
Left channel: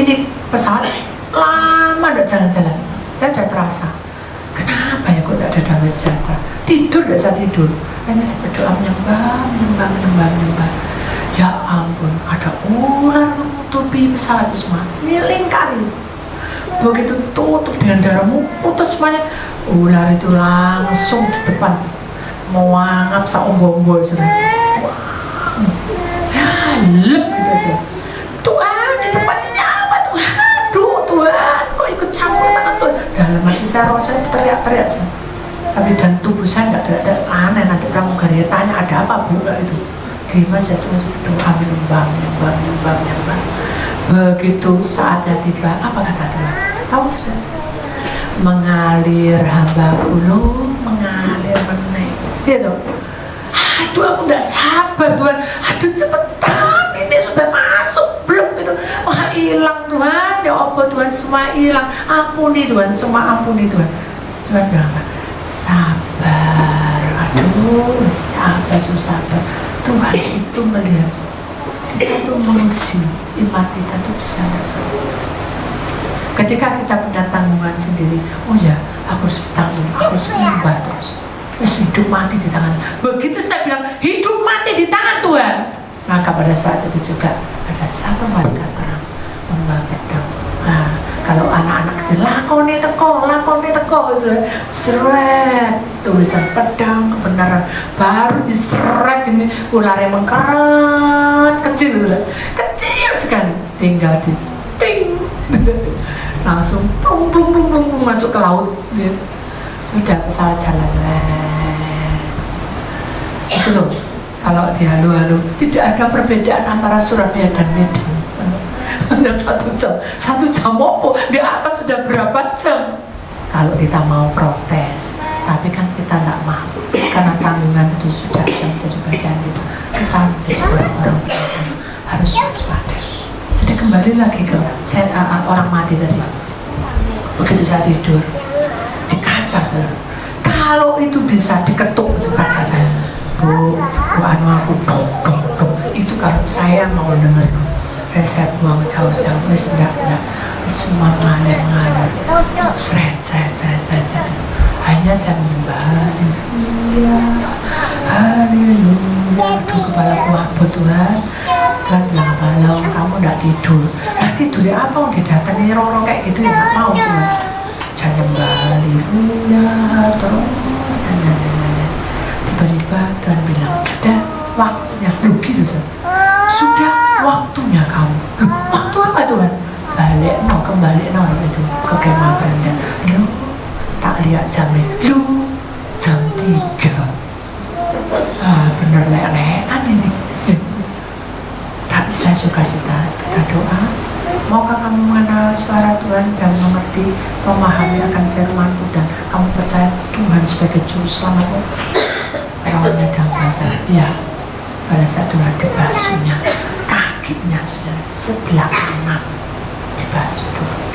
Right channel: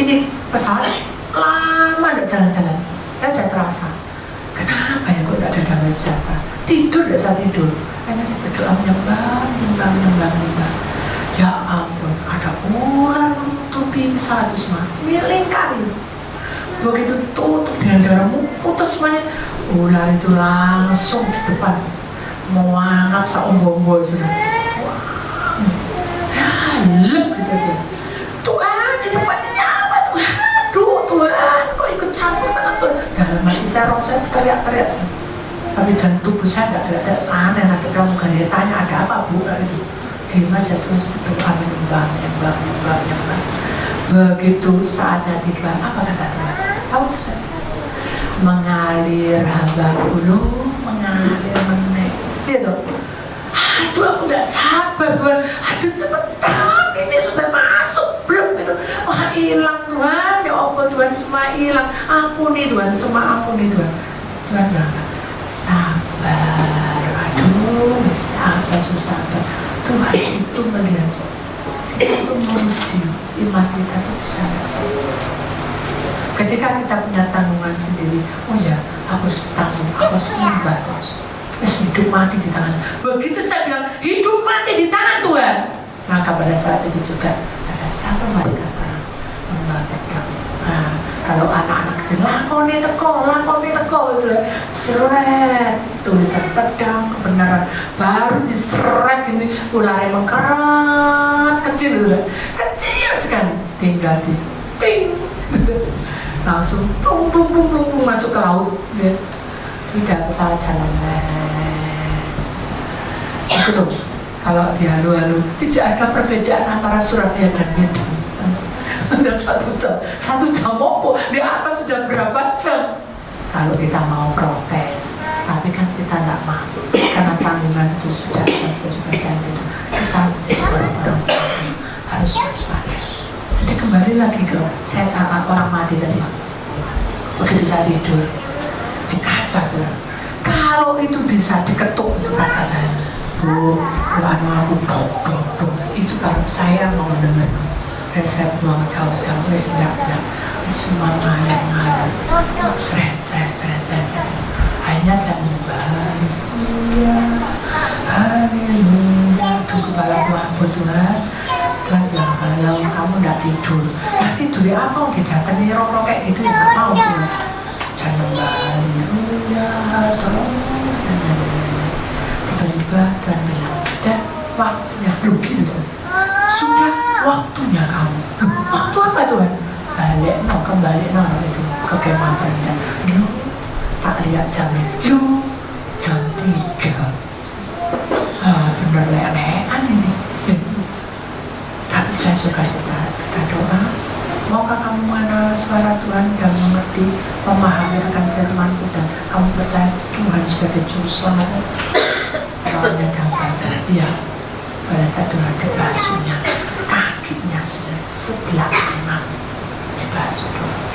ini pesawat lama tidak jalan-jalan. Saya sudah terasa. Kenapa ya kok tidak ada damai sejahtera? Tidur tidak saya tidur. Hanya saya berdoa menyembah. Ya ampun, ada ular menutupi pesawat itu semua. Lingkari. Begitu tutup dengan darahmu putus semuanya. Ular itu langsung di depan. Mau anggap saombo-ombo sudah. Lep gitu sih. Tuhan, di depannya apa Tuhan? Aduh Tuhan, kok ikut campur tangan Tuhan? Dalam hati saya, saya teriak-teriak. Tapi dalam tubuh saya nggak ada aneh. Nanti kamu gaya tanya ada apa bu? Itu diam aja terus doa menyembah. Begitu saatnya tiba, apa kata Tuhan? Tahu sudah? Mengalir hamba ulu, mengalir meneng. Gitu. aduh aku nggak sabar Tuhan, aduh cepetan ini sudah masuk belum gitu, wah hilang Tuhan, ya apa Tuhan, semua hilang, ampuni Tuhan, semua ampuni Tuhan. Tuhan bilang apa? Sabar, aduh sabar, sabar. Tuhan itu melihat, itu menguji iman kita itu bisa selesai. Ketika kita punya tanggungan sendiri, oh ya, aku harus bertanggung, aku harus menyembah terus. Hidup mati di tangan. Begitu saya bilang hidup mati di tangan Tuhan, maka pada saat itu juga ada satu malaikat terang membawa pedang. Nah, kalau anak-anak kecil lakoni teko, seret tulisan pedang kebenaran, baru diseret ini ularnya mengkeret kecil sekali, tinggal di ting. Langsung pung masuk ke laut ya. Sudah pesawat jalan itu loh. Kalau di halu-halu tidak ada perbedaan antara Surabaya dan Medan. Ada 1 jam apa di atas sudah berapa jam. Kalau kita mau protes, tapi kan kita nggak mau karena tanggungan itu sudah menjadi bagian itu. Kita menjadi orang harus waspada. Jadi kembali lagi ke orang mati tadi. Begitu saya tidur di kaca, kalau itu bisa diketuk itu kaca saya, Bu, aku dong, itu kalau saya mau dengar, dan saya buang jauh-jauh, enggak, semua ngalir, seret, akhirnya saya menyembah, haleluya, ke kepala Tuhan, Tuhan bilang, kalau kamu nggak tidur, tidurnya apa? Didatangi rono kayak gitu ya nggak mau Tuhan. Jangan haleluya, tiba-tiba Tuhan bilang, sudah waktunya, gitu sudah waktunya kamu. Waktu apa Tuhan? Kembali itu ke kemahannya. Tak lihat jamnya, jam 3. Bener lelekan ini. Tapi saya suka kita doa. Maukah kamu mengenal suara Tuhan dan mengerti, memahami akan firman-Ku, dan kamu percaya Tuhan sebagai juru selamat? Lawannya dalam bahasa ya. Pada saat Tuhan dibasuhnya, kakinya sudah sebelah kanan dibasuh Tuhan,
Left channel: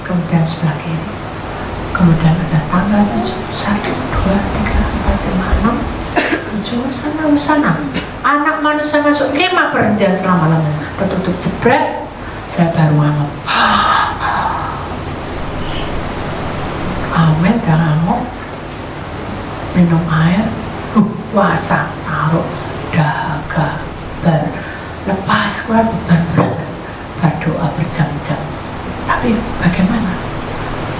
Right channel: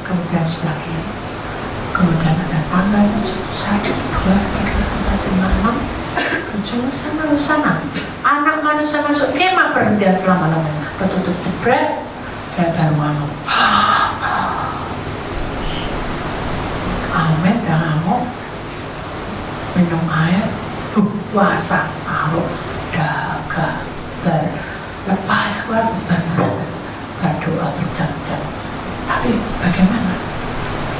kemudian sebelah kiri, kemudian ada tanggal 7, 1, 2, 3, 4, 5, 6, 7 sana. Anak manusia masuk kemah perhentian selama-lamanya, tertutup jebret. Saya baru ngomong amin, dan ngomong minum air, puasa, taruh daga, lepas keluar beban berat, berdoa berjam-jam. Tapi bagaimana?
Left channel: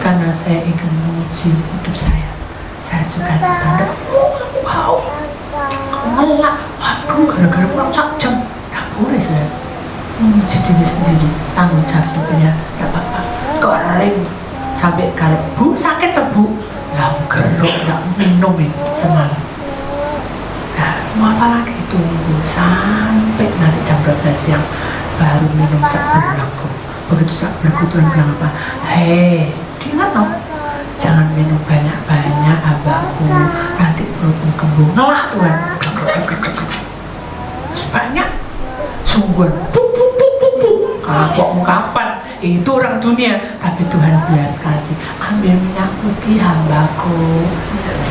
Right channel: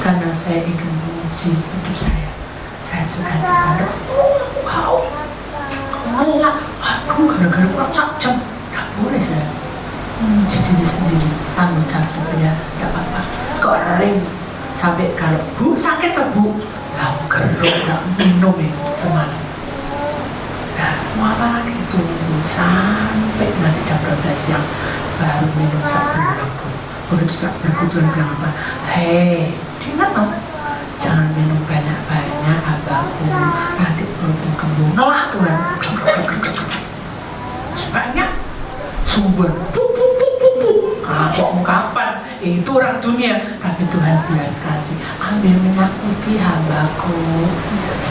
Karena saya ingin menguji hidup saya suka jalan, wow, melak, waduh, gara-gara pulang 1 jam, tak boleh saya menguji diri sendiri, tanggung jawab sebenarnya, gak apa-apa, goreng sampai kalau Bu sakit Bu, lah gerok gak minum semalam. Nah, mau apa lagi tunggu sampai nanti jam 12 siang baru minum sebelah Bu. Begitu sebelah Tuhan bilang apa? Hei, ingat dong, jangan minum banyak-banyak abahku, nanti perutmu kembung. Ngelak Tuhan, banyak sungguh kalau kapan itu orang dunia, tapi Tuhan bilas kasih, ambil minyak putih hambaku,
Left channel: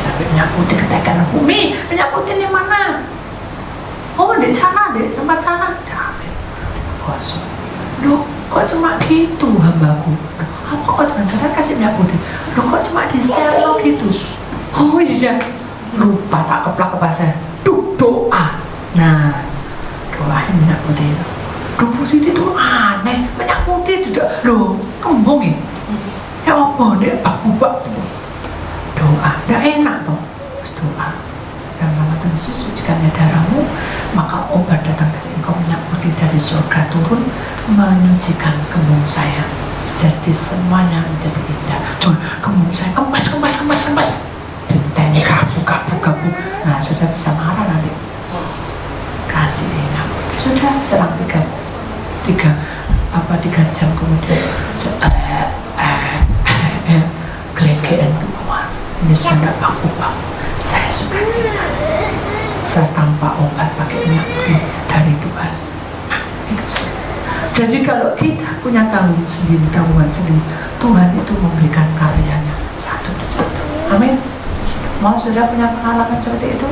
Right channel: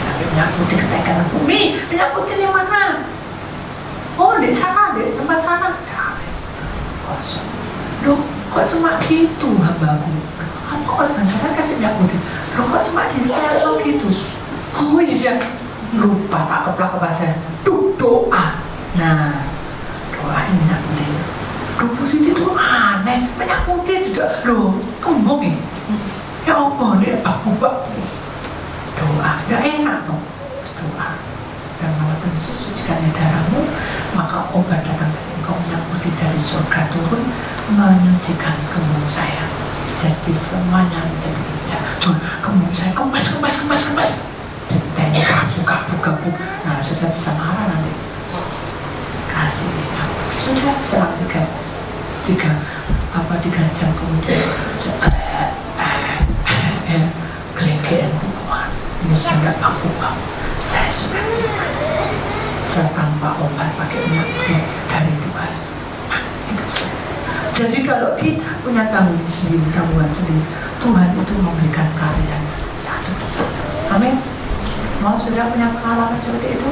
sampai minyak putih ketekan bumi, minyak putih di mana? Oh di sana, di tempat sana. Kosong. Loh, kok cuma gitu hambaku? Apa kok Tuhan saya kasih minyak putih? Loh, kok cuma di sel gitu? Oh iya, lupa tak keplak saya. Doa. Nah, doain minyak putih. Doa positif itu aneh, minyak putih juga. Loh, kembung ya? Ya apa nih? Bak. Doa, gak enak toh. Doa. Dan nama Tuhan Yesus, sucikannya darahmu, maka obat datang dari engkau, minyak putih dari surga turun, menyucikan kembung saya. Jadi semuanya menjadi indah. Cuma kembung saya kemas. Ditanya kabuk. Nah, sudah bisa marah nanti. Kasih dia. Sudah serang 3 jam kemudian kelekean keluar. Ini sudah baku. Saya suka bisa tanpa obat pakai minyak putih dari Tuhan. Jadi kalau kita punya tanggung sendiri, Tuhan itu memberikan karyanya satu persatu. Amin. Mau sudah punya pengalaman seperti itu?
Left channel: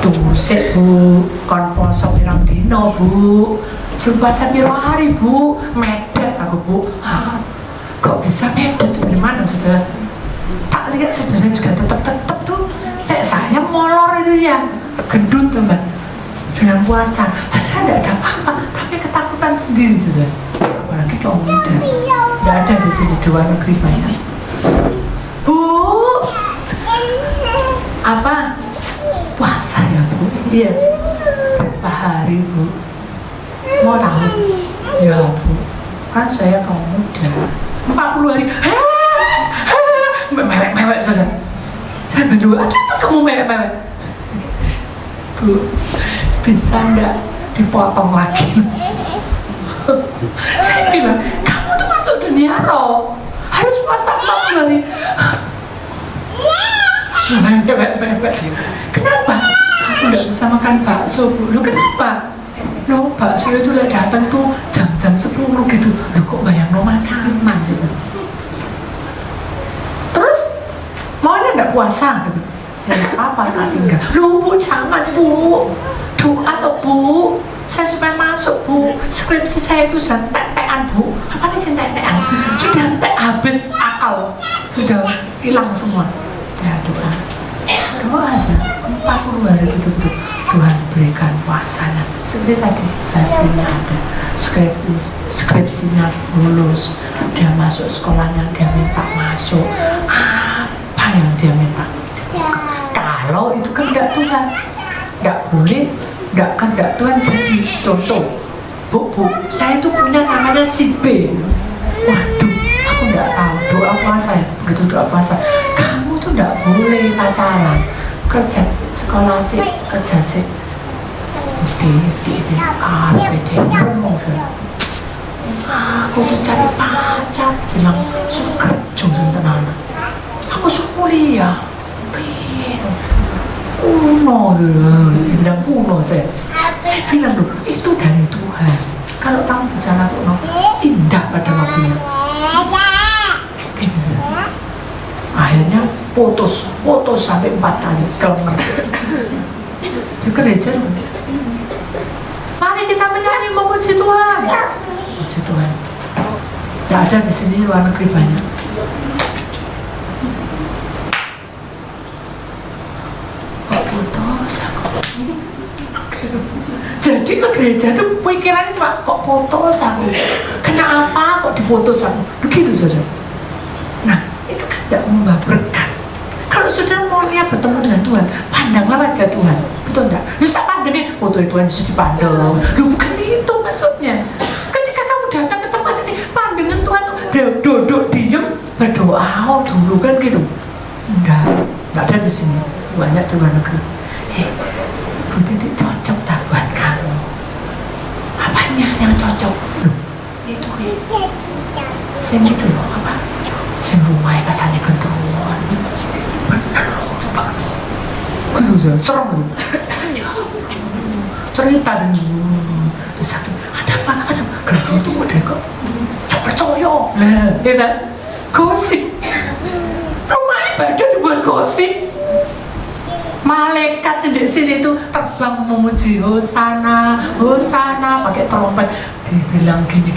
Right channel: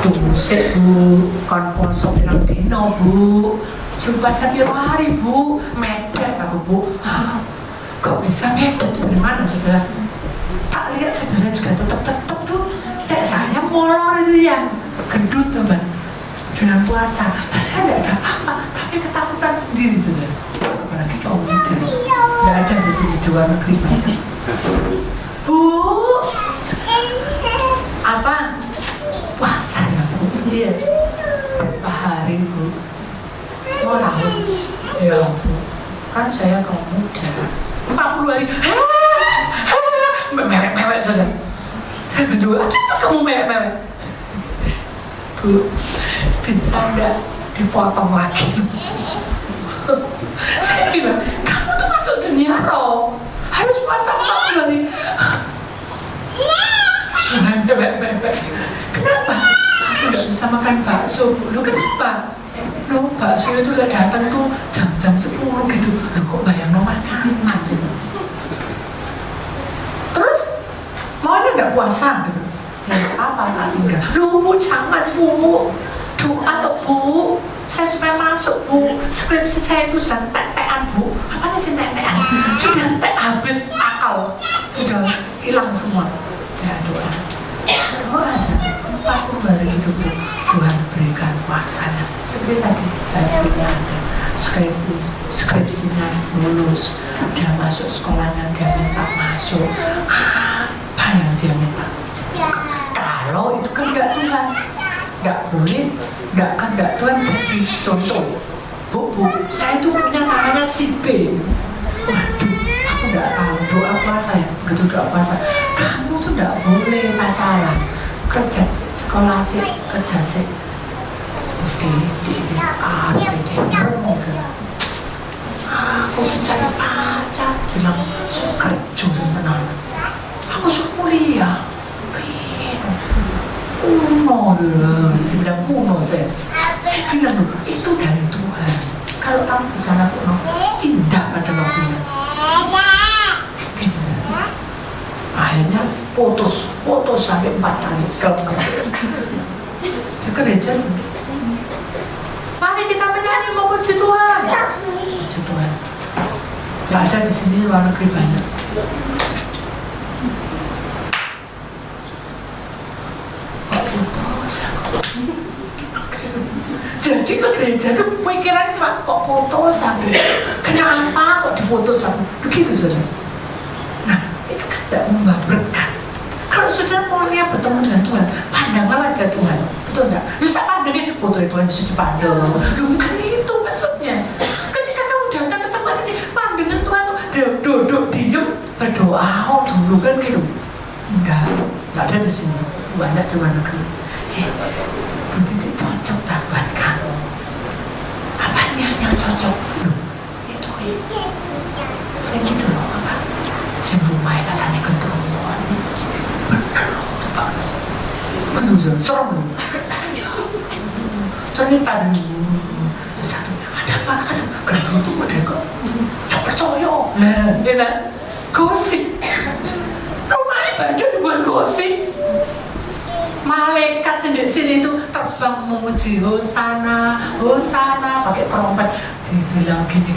Tunggu sih Bu, kon poso pirang dino Bu, puasa piro hari Bu, medet aku Bu. Kok bisa medet dari mana saudara? Tak lihat saudara juga tetap tuh, kayak saya molor itu ya, gendut teman. Dengan puasa, padahal tidak ada apa-apa, tapi ketakutan sendiri saudara. Apalagi kaum muda, tidak ada di sini dua negeri banyak. Bu, apa? Puasa ya Bu? Iya. Berapa hari Bu? Mau tahu? Ya Bu, kan saya kaum muda. 40 hari. Mewek saja. Saya berdua, apa kamu mewek? Bu, bisa nggak dipotong lagi? Saya bilang, kamu tuh masuk dunia loh, harus puasa 40 hari. Kenapa? Aku nggak bisa makan bakso. Lu kenapa? Lu bakso itu udah datang tuh jam 10 gitu. Lu kok bayang lo makan gitu. Terus maunya nggak puasa gitu. Ya apa tak tinggal. Lu Bu, jangan Bu. Doa ke Bu. Saya supaya masuk Bu. Skripsi saya itu sudah tek-tekan Bu. Apa sih tek-tekan? Sudah tek habis akal. Sudah hilang semua. Ya doa aja 40 hari hidup Tuhan berikan puasanya seperti tadi hasilnya ada, skripsinya lulus, dia masuk sekolahnya, dia minta masuk apa yang dia minta. Kalau itu kehendak Tuhan, tidak boleh, tidak kehendak Tuhan. Jadi contoh Bu, saya itu punya namanya si B. Waduh, aku tidak tahu doa puasa ya, begitu doa puasa kamu tuh tidak boleh pacaran, kerja sekolah sih, kerja sih mesti ngomong saya aku tuh cari pacar bilang suka jodoh tenang, aku suruh kuliah kuno dulu, bilang kuno saya bilang dulu itu dari Tuhan. Kalau kamu bisa lakukan indah pada waktunya. Akhirnya putus sampai 4 kali kalau ke gereja. Mari kita menyanyi memuji Tuhan. Puji Tuhan. Ya ada di sini luar negeri banyak. Kok putus? Jadi ke gereja itu pikirannya cuma kok putus aku. Kenapa kok diputus aku? Begitu saja. Nah, itu kan tidak membawa berkat. Kalau sudah mau niat bertemu dengan Tuhan, pandanglah wajah Tuhan, betul enggak? Bisa pandangnya, Tuhan bisa dipandang. Bukan itu maksudnya. Ketika kamu datang ke tempat ini, pandangan Tuhan tuh duduk diam berdoa dulu kan gitu. Enggak ada di sini. Banyak di luar negeri. Bu Titi cocok tak buat kamu? Apanya yang cocok? Itu sini dulu apa? Semua katanya ketemuan. Betul, serem tuh. Cerita terus satu, ada apa? Kerja itu udah kok percaya. Nah, ya kan? Gosip. Rumah ibadah buat gosip. Malaikat sini itu terbang memuji Hosana pakai trompet. Dibilang gini,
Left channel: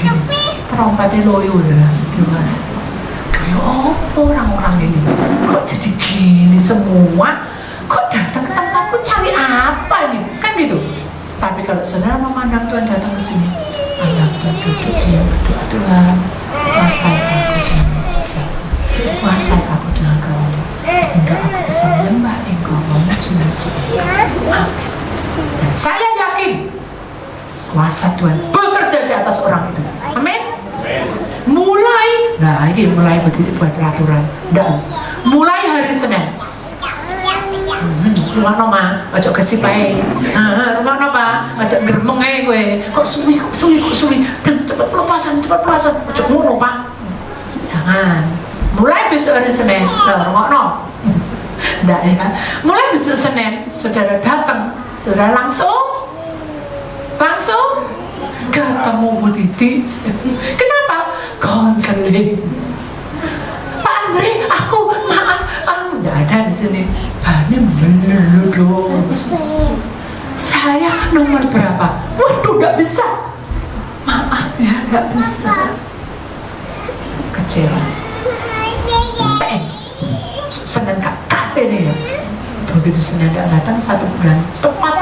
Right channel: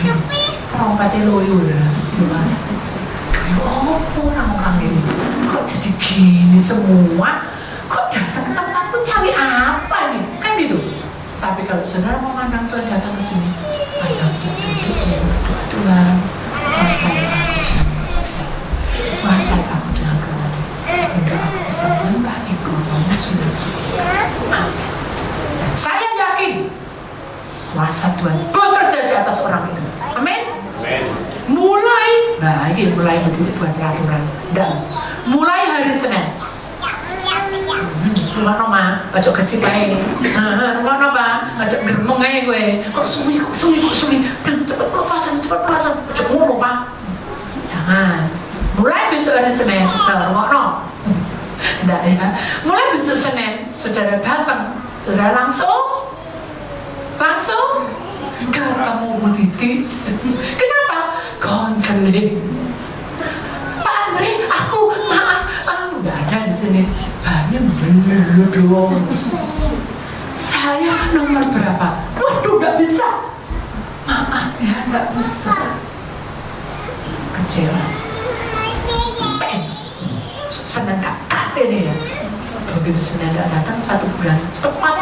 trompetnya loyo lah. Ya orang-orang ini kok jadi gini semua, kok datang ke tempatku cari apa nih, kan gitu. Tapi kalau saudara memandang Tuhan datang ke sini, pandang Tuhan duduk dia berdoa, Tuhan kuasai aku dengan mujizat, kuasai aku dengan rohmu, hingga aku bisa menyembah Engkau, memuji Engkau. Amin. Dan saya yakin kuasa Tuhan bekerja di atas orang itu. Amin. Mulai berdiri buat peraturan. Dan mulai hari Senin. Rumah mah, ajak kesip aja. Rumah mah, ajak geremeng aja gue. Kok suwi. Dan cepat pelepasan. Ajak mulu Pak. Jangan. Mulai besok hari Senin. Rumah no. Nggak ya. Mulai besok Senin, saudara datang Sudah langsung ketemu Bu Titi. Kenapa? Konseling. Pak Andre, aku maaf, nggak ada di sini. Ini bener lu dong. Saya nomor berapa? Waduh, nggak bisa. Maaf ya, nggak bisa. Kecewa. PN. Senin KKT nih ya. Begitu Senin datang 1 bulan tepat.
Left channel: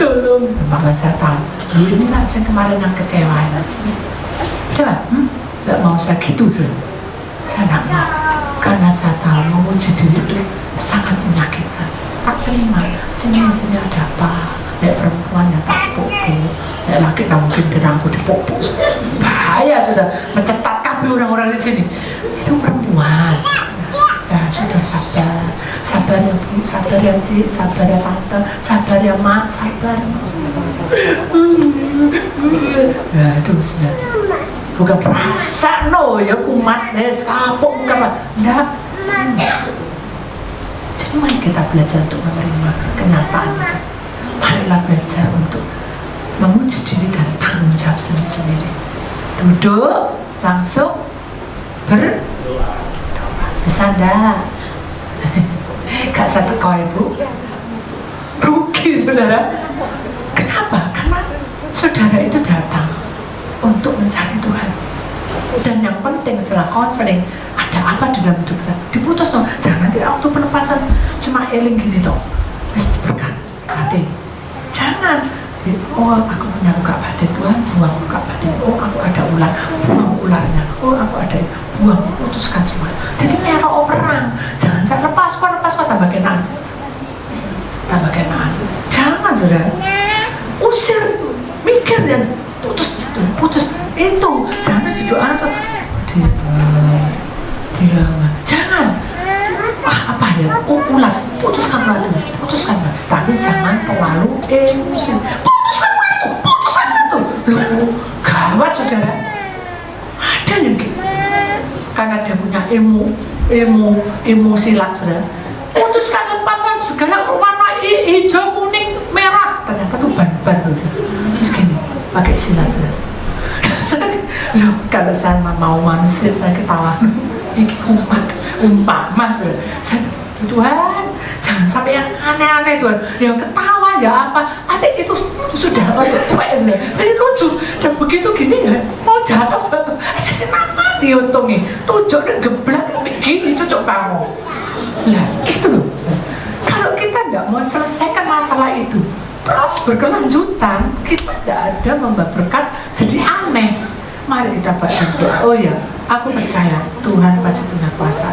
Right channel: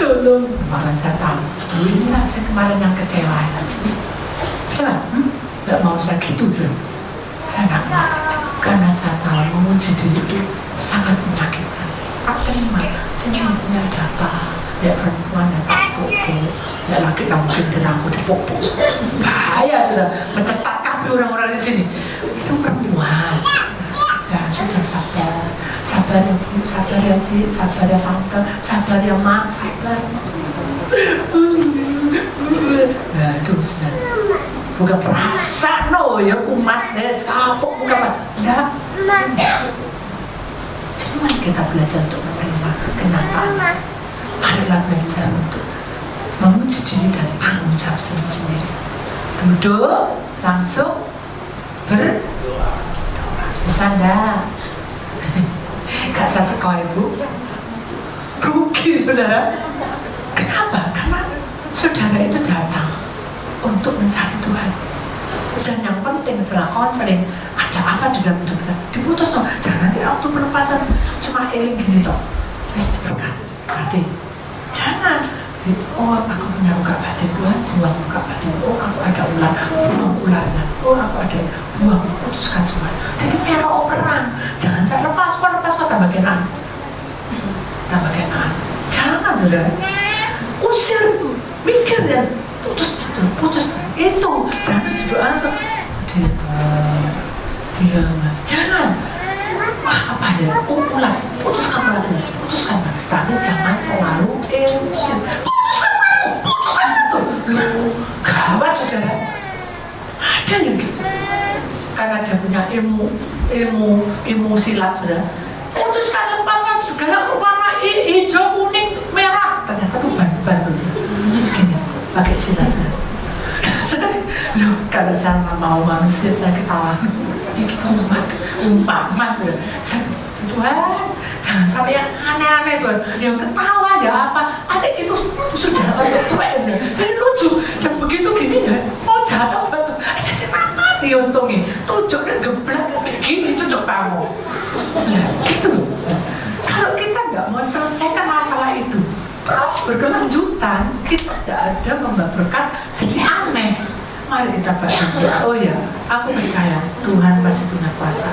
Tolong, makanya saya tahu. Inilah saya kemarin yang kecewa. Coba, nggak mau saya gitu tuh. Saya nggak mau, karena saya tahu menguji diri itu sangat menyakitkan. Tak terima, sini ada apa? Ya perempuan yang tak pukul, ya laki tak mungkin kena aku dipukul. Bahaya sudah, mencetak kabel orang-orang di sini. Itu perempuan. Ya sudah sabar ya Bu, sabar ya Cik, sabar ya Tante, sabar ya Mak, sabar. Nah itu sudah. Bukan perasa no ya kumat deh kapok bukan enggak. Jadi mari kita belajar untuk menerima kenyataan. Marilah belajar untuk menguji diri dan tanggung jawab sendiri. Duduk langsung bisa enggak? Gak satu kau ibu rugi saudara. Kenapa? Karena saudara itu datang untuk mencari Tuhan. Dan yang penting setelah konseling, ada apa di dalam hidup kita? Diputus dong. Jangan nanti waktu penepasan cuma eling gini dong. Terus berkat hati. Jangan. Oh aku punya buka batin Tuhan, buang buka batin. Oh aku ada ular, buang ularnya. Oh aku ada buang, putuskan semua. Jadi merah perang. Jangan saya lepas tambah kenaan. Tambah kenaan. Jangan saudara. Usir itu, mikir dan putus itu. Jangan berdoa tuh. Dia jangan. Wah apa ya? Ular, putuskan itu. Tapi jangan terlalu emosi. Putuskan itu. Gawat saudara. Ada yang gitu. Karena dia punya ilmu silat saudara. Putuskan lepasan segala warna hijau, kuning, merah. Ternyata itu ban tuh. Terus gini, pakai silat saudara. Kalau saya mau manusia saya ketawa. Ini umpama saudara. Tuhan, jangan sampai yang aneh-aneh Tuhan. Yang ketawa ya apa? Adik itu sudah tua ya sudah. Ini lucu dan begitu gini ya. Mau jatuh. Saya mati untungnya. Tujuh dan geblak begini cucuk kamu. Nah gitu loh. Kalau kita nggak mau selesaikan masalah itu terus berkelanjutan, kita tidak ada membawa berkat jadi aneh. Mari kita berdoa. Oh ya, aku percaya Tuhan pasti punya kuasa.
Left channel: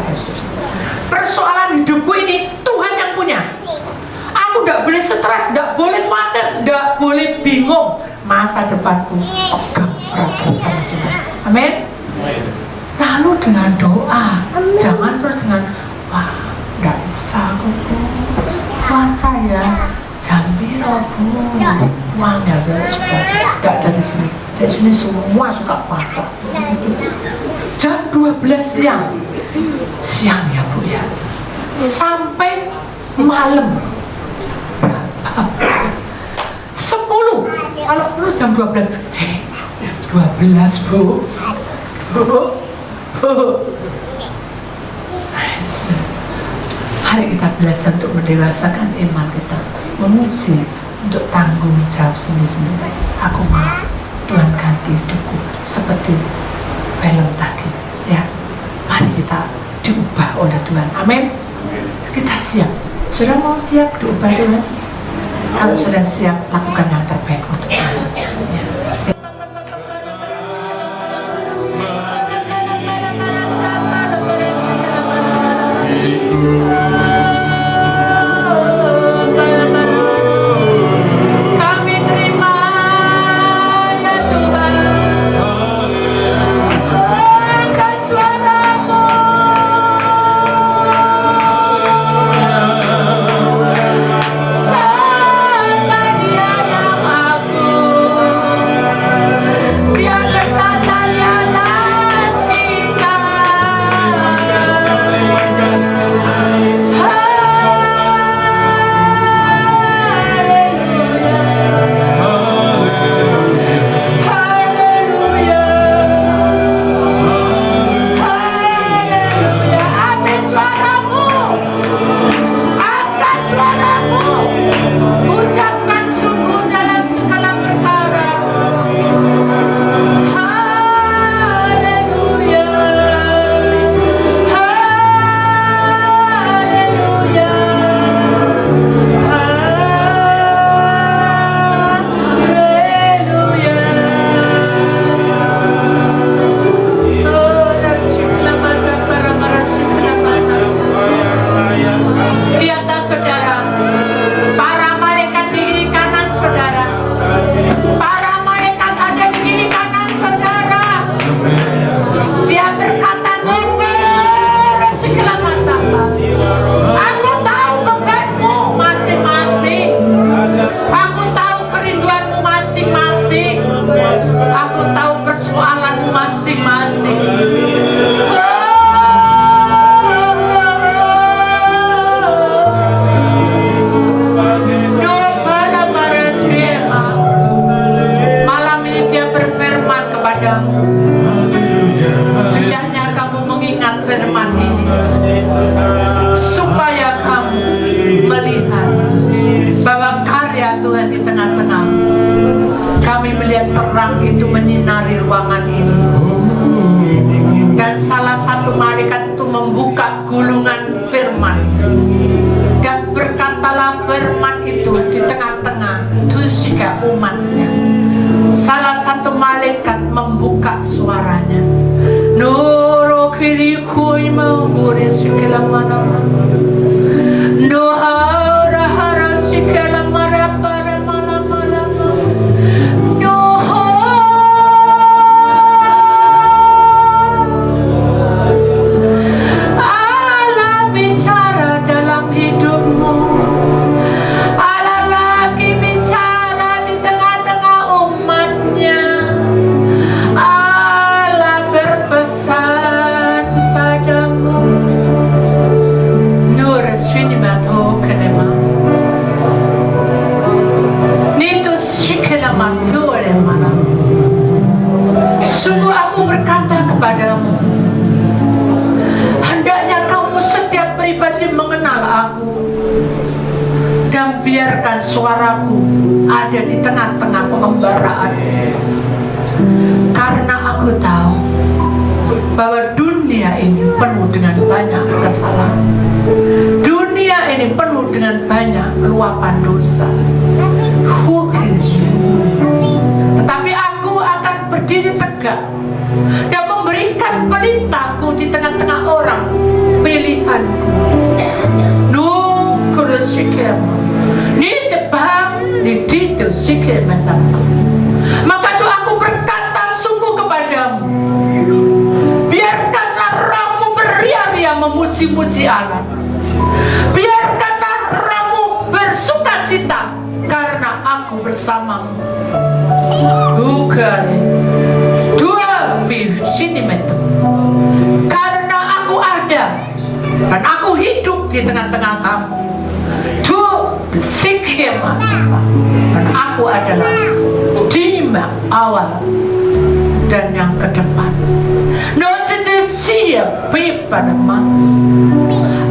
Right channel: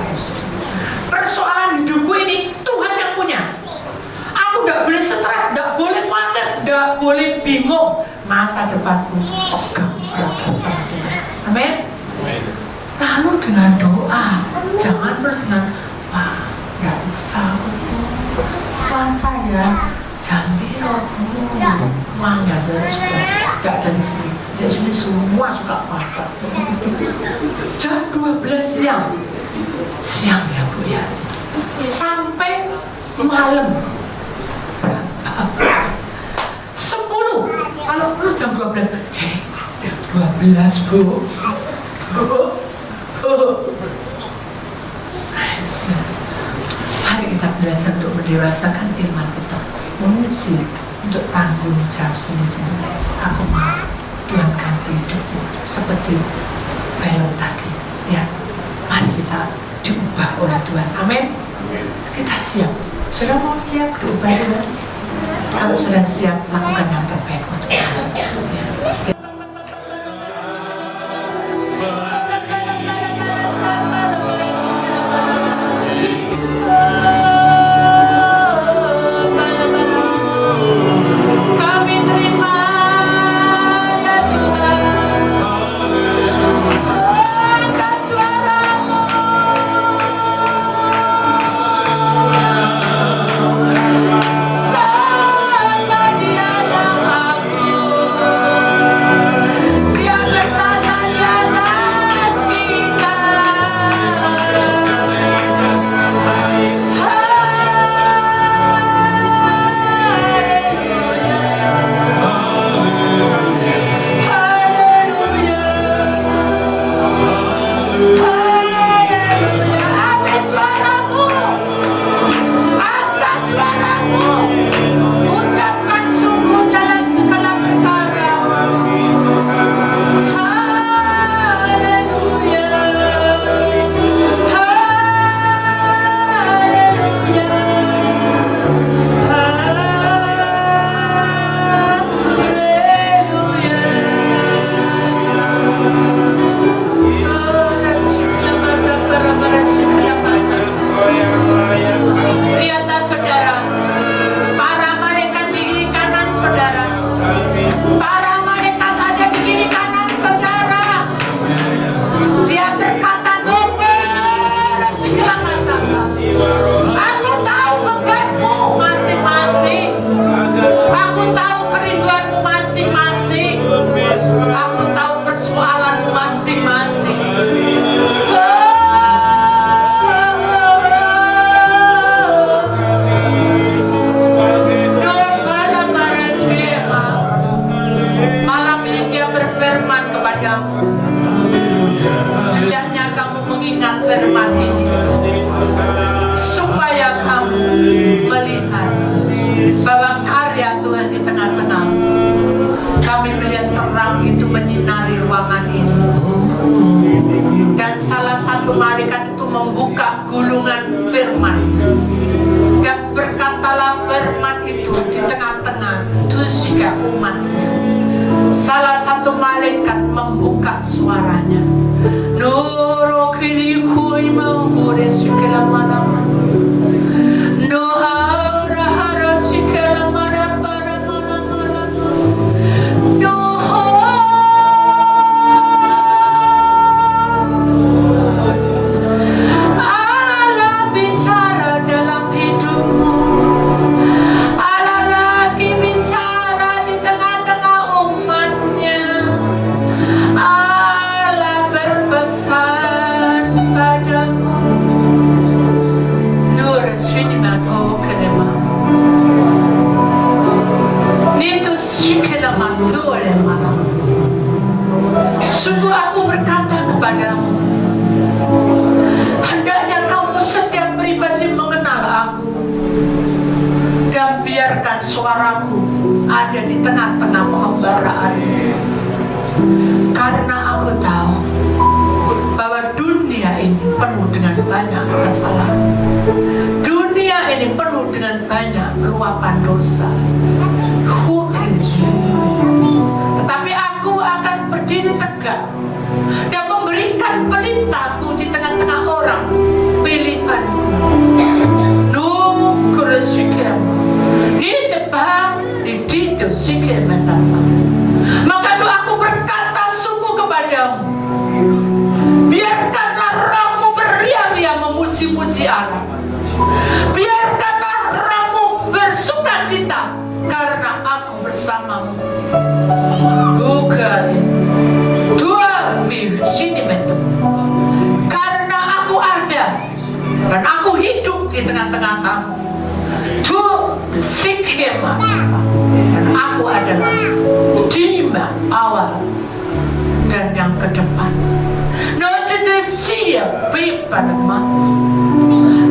Persoalan hidupku ini Tuhan yang punya. Aku nggak boleh stres, nggak boleh panik, nggak boleh bingung. Masa depanku pegang erat sama Tuhan. Amin. Lalu dengan doa, jangan terus dengan wah nggak bisa aku puasa ya. Jambi aku uang ya saya nggak dari sini. Dari sini semua suka puasa. Jam 12 siang ya Bu ya, sampai malam 10. Kalau perlu jam 12. Jam 12 Bu. Mari kita belajar untuk mendewasakan iman kita, menguji untuk tanggung jawab sendiri. Aku mau Tuhan ganti hidupku seperti belum tadi ya. Mari kita diubah oleh Tuhan. Amin. Kita siap. Sudah mau siap diubah Tuhan? Kalau sudah siap, lakukan yang terbaik untuk Tuhan ya. tengah-tengah. Kami melihat terang itu menyinari ruangan ini. Dan salah satu malaikat itu membuka gulungan firman. Dan berkatalah firman itu di tengah-tengah Tushika umatnya. Salah satu malaikat membuka suaranya. Noro kiri kui maure sikela mana. Nohara hara sikela mara para mana mana. Allah bicara dalam hidupmu. Allah lagi bicara di tengah-tengah umatnya. Allah berpesan padamu. Nur sinimato kenema. Nito sikelamanto remana. Sungguh aku berkata kepadamu, hendaknya kamu setiap pribadi mengenal aku dan biarkan suaraku ada di tengah-tengah pembaraan. Karena aku tahu bahwa dunia ini penuh dengan banyak kesalahan. Dunia ini penuh dengan banyak luapan dosa. Tetapi aku akan berdiri tegak dan memberikan pelitaku di tengah-tengah orang pilihanku. Nukul sikema, di depan di situ sikema. Maka itu aku berkata sungguh kepadamu, biarkanlah rohmu beria-ria memuji-muji Allah. Biarkanlah rohmu bersuka cita karena aku bersamamu. Bukan dua sini metu. Karena aku ada dan aku hidup di tengah-tengah kamu. Dua sikema dan aku adalah dima awal dan yang ke depan. Nanti siap pipanama.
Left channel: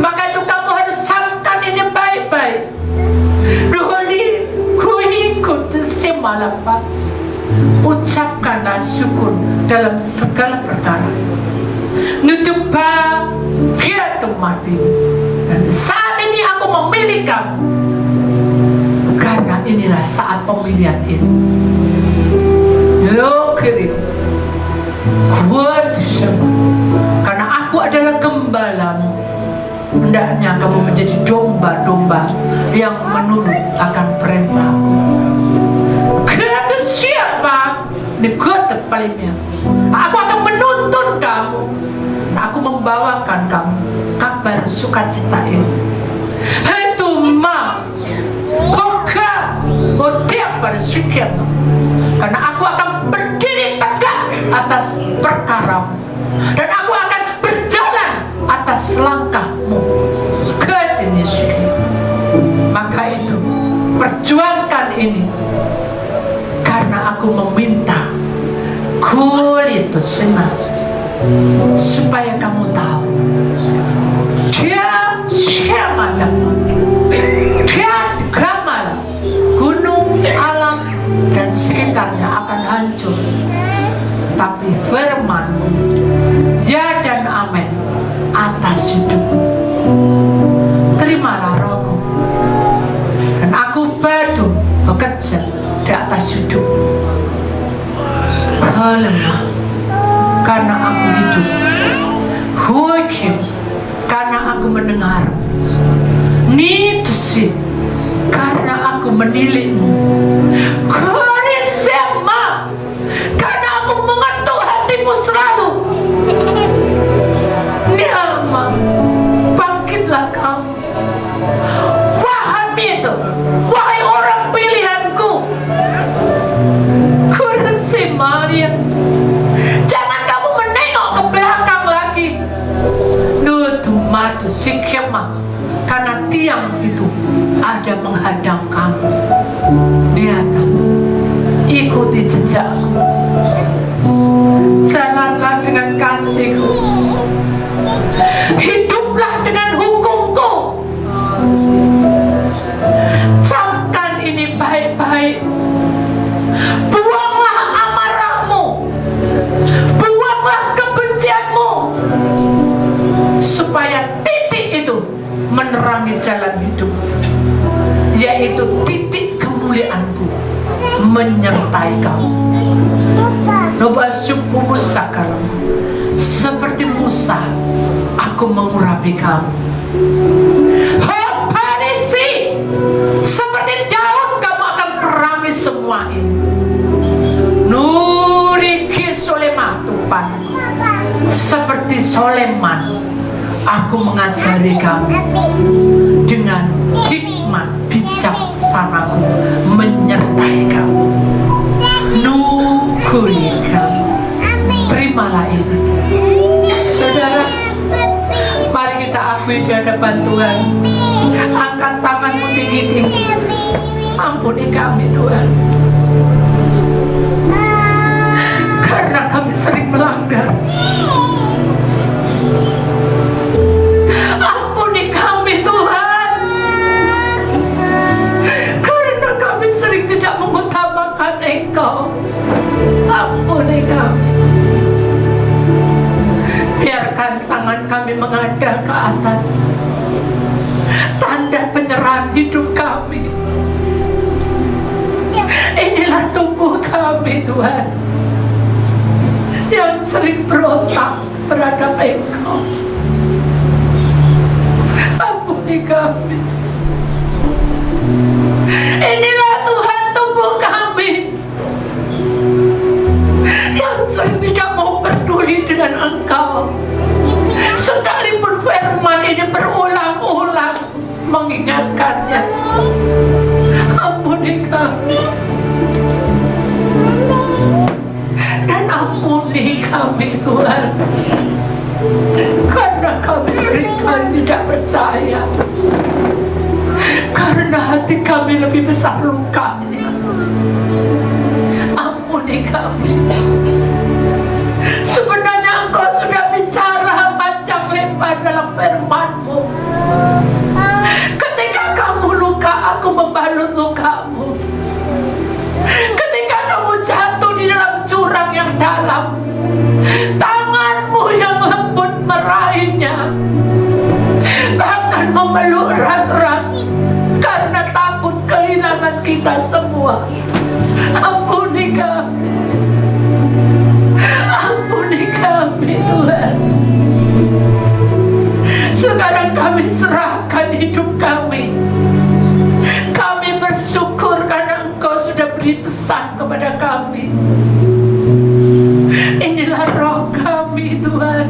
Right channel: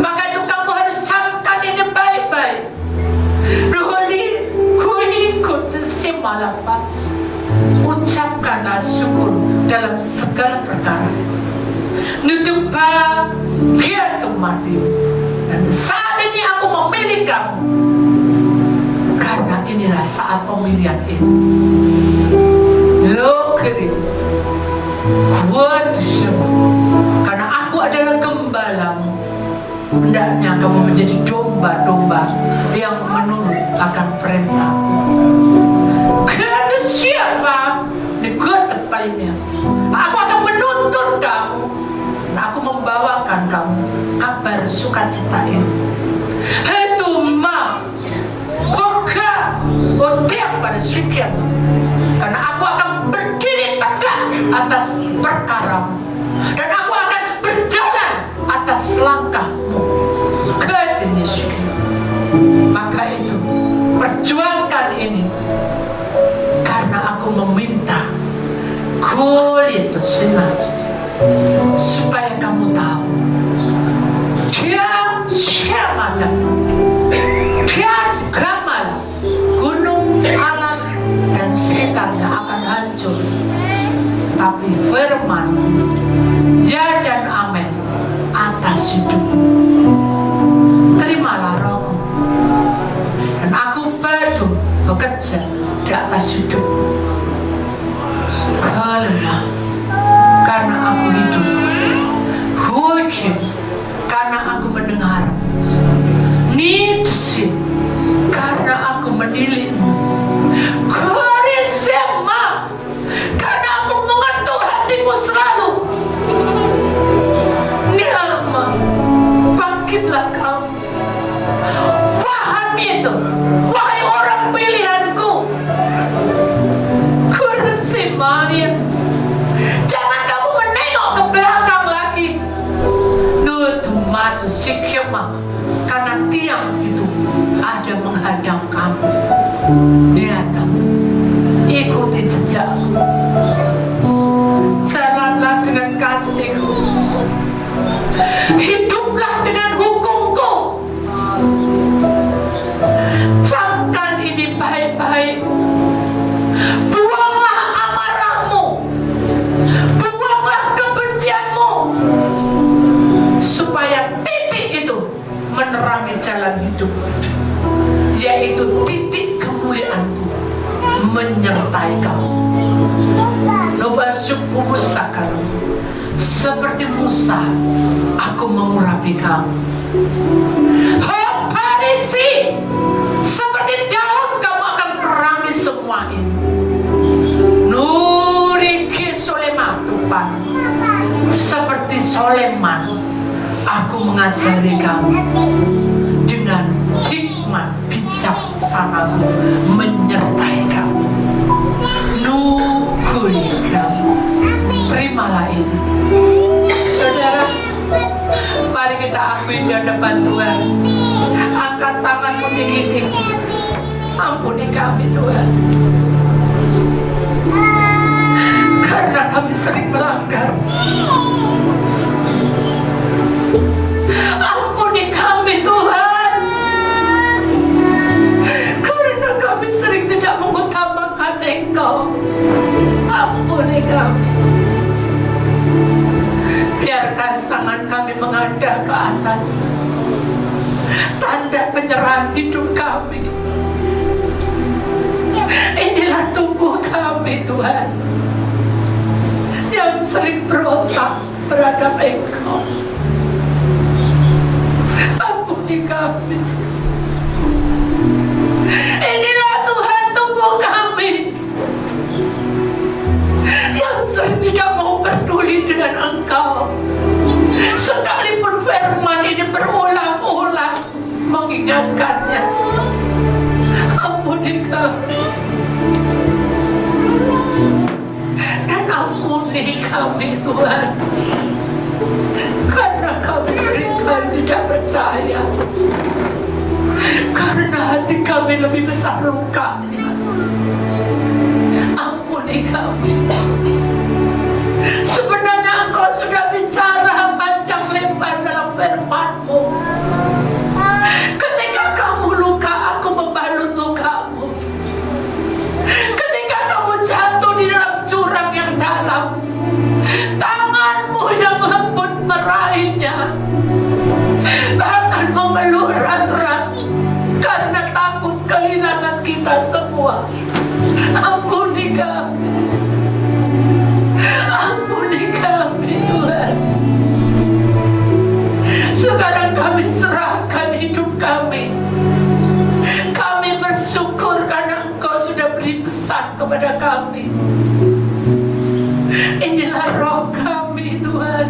Maka itu kamu harus camkan ini baik-baik. Duli kuni kutu simalapa. Ucapkanlah syukur dalam segala perkara. Nutupa hiatu mati. Dan saat ini aku memilih kamu. Karena inilah saat pemilihan ini. Lo kiri kuat siapa? Karena aku adalah gembalamu. Hendaknya kamu menjadi domba-domba yang menurut akan perintahku. Kata siapa? Negara palingnya. Aku akan menuntun kamu. Dan aku membawakan kamu kabar sukacita ini. Itu ma, oka, otiak pada sikap. Karena aku akan berdiri tegak atas perkaramu. Dan aku akan berjalan atas langkahmu. Maka itu perjuangkan ini. Karena aku meminta kulit bersinar supaya kamu tahu dia siapa dia gamal gunung alam dan sekitarnya akan hancur, tapi firman ya dan amin atas hidupmu. Terimalah rohku dan aku bekerja di atas hidup. Lemah karena aku hidup, hukim karena aku mendengar, nitsi karena aku menilikmu, kurisema karena aku mengetuk hatimu selalu. Nirama, bangkitlah kamu, wahai itu, wahai orang pilihanku. Maria, jangan kamu menengok ke belakang. Buanglah amarahmu, buanglah kebencianmu, supaya titik itu menerangi jalan hidup, yaitu titik kemuliaanku menyertai kamu. Nobasuku musakar, seperti Musa aku mengurapi kamu. Parisi, seperti Daud kamu akan perangi semua ini. Nuriki Solematupan, seperti Soleman aku mengajari kamu dengan hikmat bijaksanaku menyertai kamu. Nukulika, terimalah ini. Saudara, mari kita akui di hadapan Tuhan. Angkat tanganmu tinggi-tinggi. Ampuni kami Tuhan, karena kami sering melanggar. Ampuni kami Tuhan, karena kami sering tidak mengutamakan Engkau. Ampuni kami. Biarkan tangan kami menghadap ke atas, tanda penyerahan hidup kami. Inilah tubuh kami Tuhan, yang sering berontak terhadap Engkau. Ampuni kami. Inilah Tuhan tubuh kami, yang sering tidak mau peduli dengan Engkau, sekalipun firman ini berulang-ulang mengingatkannya. Ampuni kami, dan ampuni kami Tuhan, karena kami seringkali tidak percaya, karena hati kami lebih besar lukanya. Ampuni kami. Sebenarnya Engkau sudah bicara panjang lebar dalam firman-Mu. Ketika kamu luka, aku membalut lukamu. Ketika kamu jatuh di dalam jurang yang dalam, tangan-Mu yang lembut meraihnya, bahkan memeluk erat-erat karena takut kehilangan kita semua. Ampuni kami. Ampuni kami Tuhan. Sekarang kami serahkan hidup kami. Kami bersyukur karena Engkau sudah beri pesan kepada kami. Inilah roh kami Tuhan,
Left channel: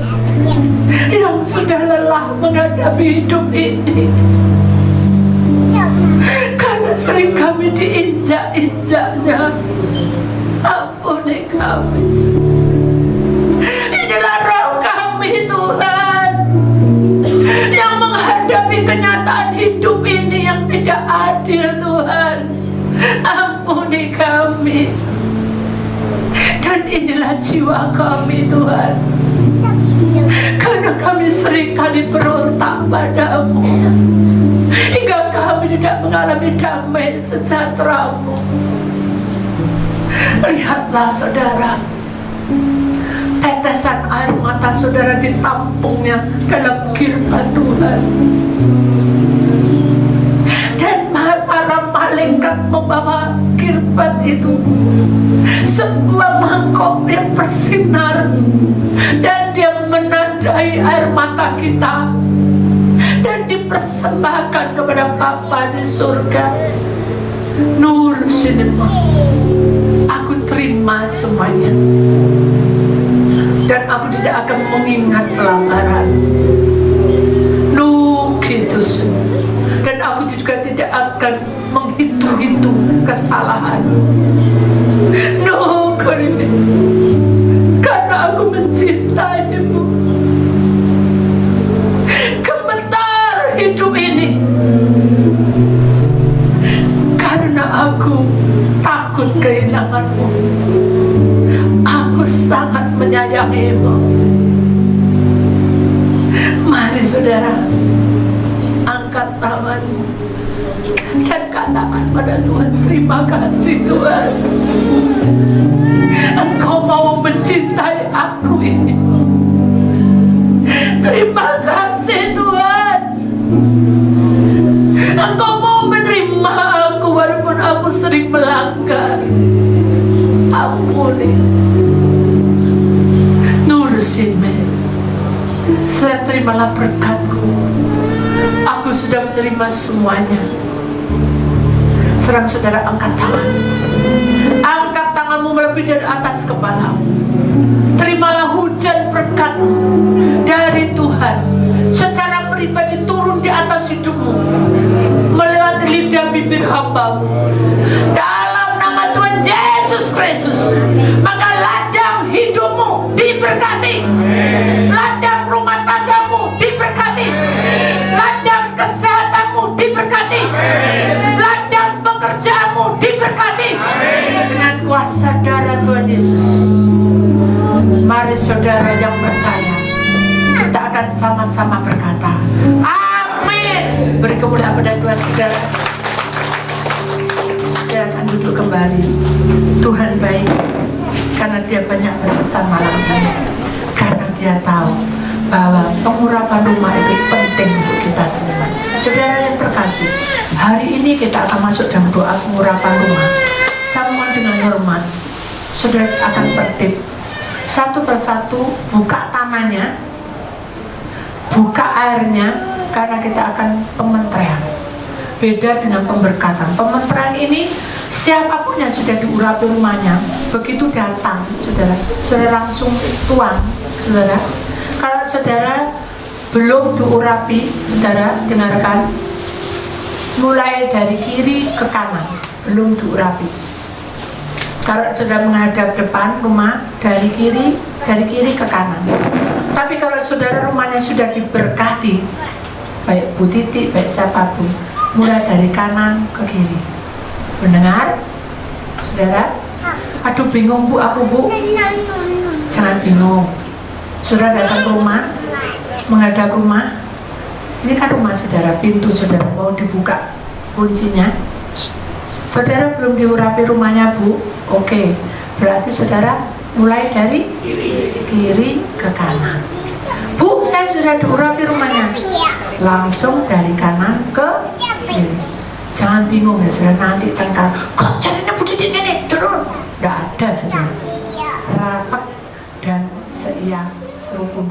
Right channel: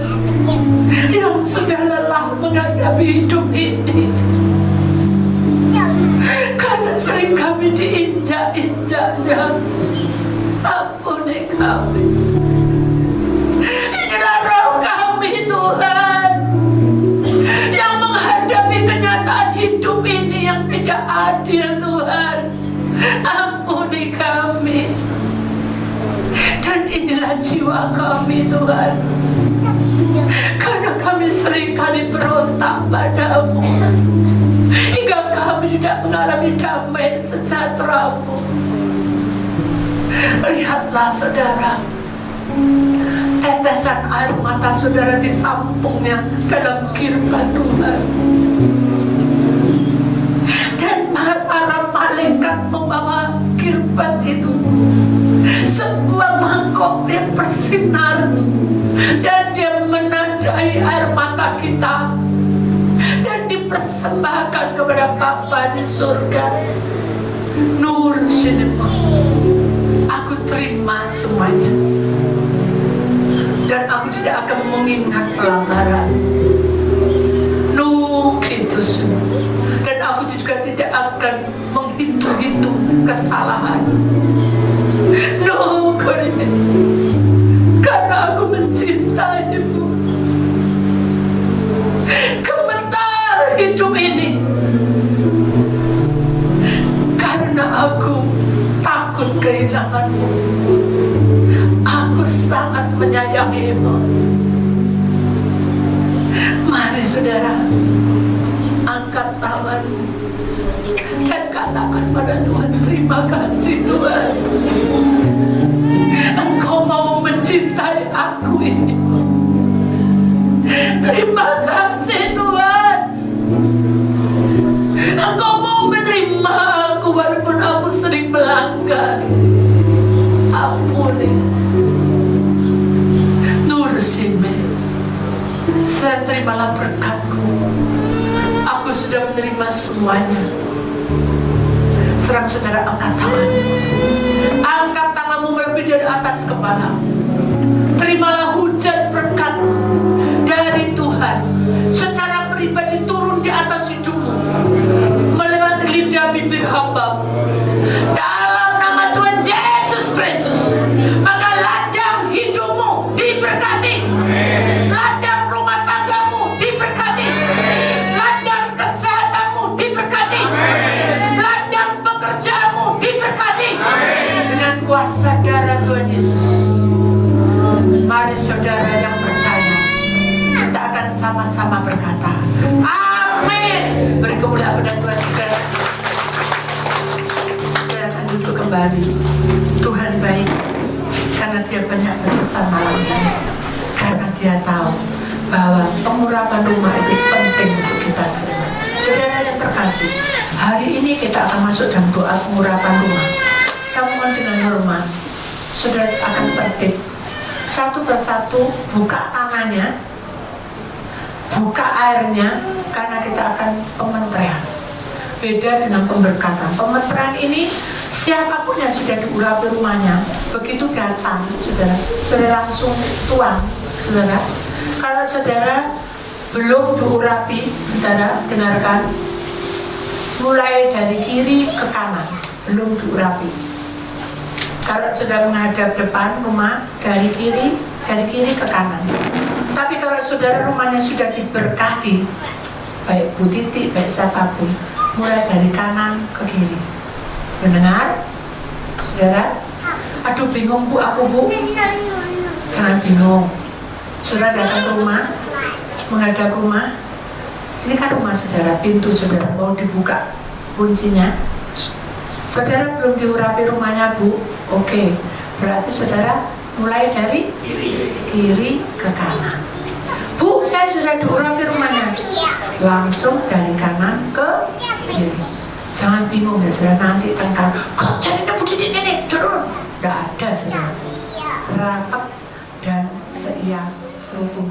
yang sudah lelah menghadapi hidup ini, karena sering kami diinjak-injaknya. Ampuni kami. Inilah roh kami Tuhan, yang menghadapi kenyataan hidup ini yang tidak adil Tuhan. Ampuni kami. Dan inilah jiwa kami Tuhan, karena kami seringkali berontak padamu, hingga kami tidak mengalami damai sejahtera-Mu. Lihatlah saudara, tetesan air mata saudara ditampungnya dalam kirbat Tuhan, dan para malaikat membawa kirbat itu, sebuah mangkok yang bersinar, dan dia menandai air mata kita, dan dipersembahkan kepada Bapa di surga. Nur Sinema, aku terima semuanya, dan aku tidak akan mengingat pelanggaran. Nukitus, dan aku juga tidak akan menghitung-hitung kesalahan. Karena aku mencintai-Mu. Gemetar hidup ini, karena aku takut kehilangan-Mu. Aku sangat menyayangi-Mu. Mari saudara, angkat tanganmu dan katakan pada Tuhan, terima kasih Tuhan. Saudara, terimalah berkat-Ku. Aku sudah menerima semuanya. Sekarang saudara angkat tangan. Angkat tanganmu melebihi dari atas kepala. Terimalah hujan berkat-Mu dari Tuhan secara pribadi turun di atas hidupmu melewati lidah bibir hamba. Dalam nama Tuhan Yesus Kristus, maka ladang hidupmu diberkati, ladang rumah tanggamu diberkati, ladang kesehatanmu diberkati, ladang pekerjaanmu diberkati dengan kuasa darah Tuhan Yesus. Mari saudara yang percaya, kita akan sama-sama berkata amin. Beri kemuliaan pada Tuhan. Saudara, saya akan duduk kembali. Tuhan baik karena Dia banyak berpesan malam ini, karena Dia tahu bahwa pengurapan rumah itu penting untuk kita semua. Saudara yang terkasih, hari ini kita akan masuk dalam doa pengurapan rumah. Sama dengan hormat, saudara akan tertib satu persatu, buka tangannya, buka airnya, karena kita akan pementerian. Beda dengan pemberkatan. Pementerian ini siapapun yang sudah diurapi rumahnya, begitu datang, saudara langsung tuang, saudara. Kalau saudara belum diurapi, saudara dengarkan, mulai dari kiri ke kanan, belum diurapi. Kalau sudah menghadap depan rumah, dari kiri ke kanan. Tapi kalau saudara rumahnya sudah diberkati, baik Bu Titi, baik siapapun, mulai dari kanan ke kiri. Mendengar? Saudara? Aduh bingung Bu, aku Bu. Jangan bingung. Saudara datang ke rumah, menghadap rumah. Ini kan rumah saudara, pintu saudara mau dibuka kuncinya. Saudara belum diurapi rumahnya Bu, oke, berarti saudara mulai dari kiri ke kanan. Bu, saya sudah diurapi rumahnya, langsung dari kanan ke kiri. Jangan bingung ya saudara, nanti tengkar, kok jalannya Bu Didi ini turun. Tidak ada saudara, rapat dan seiang seruput.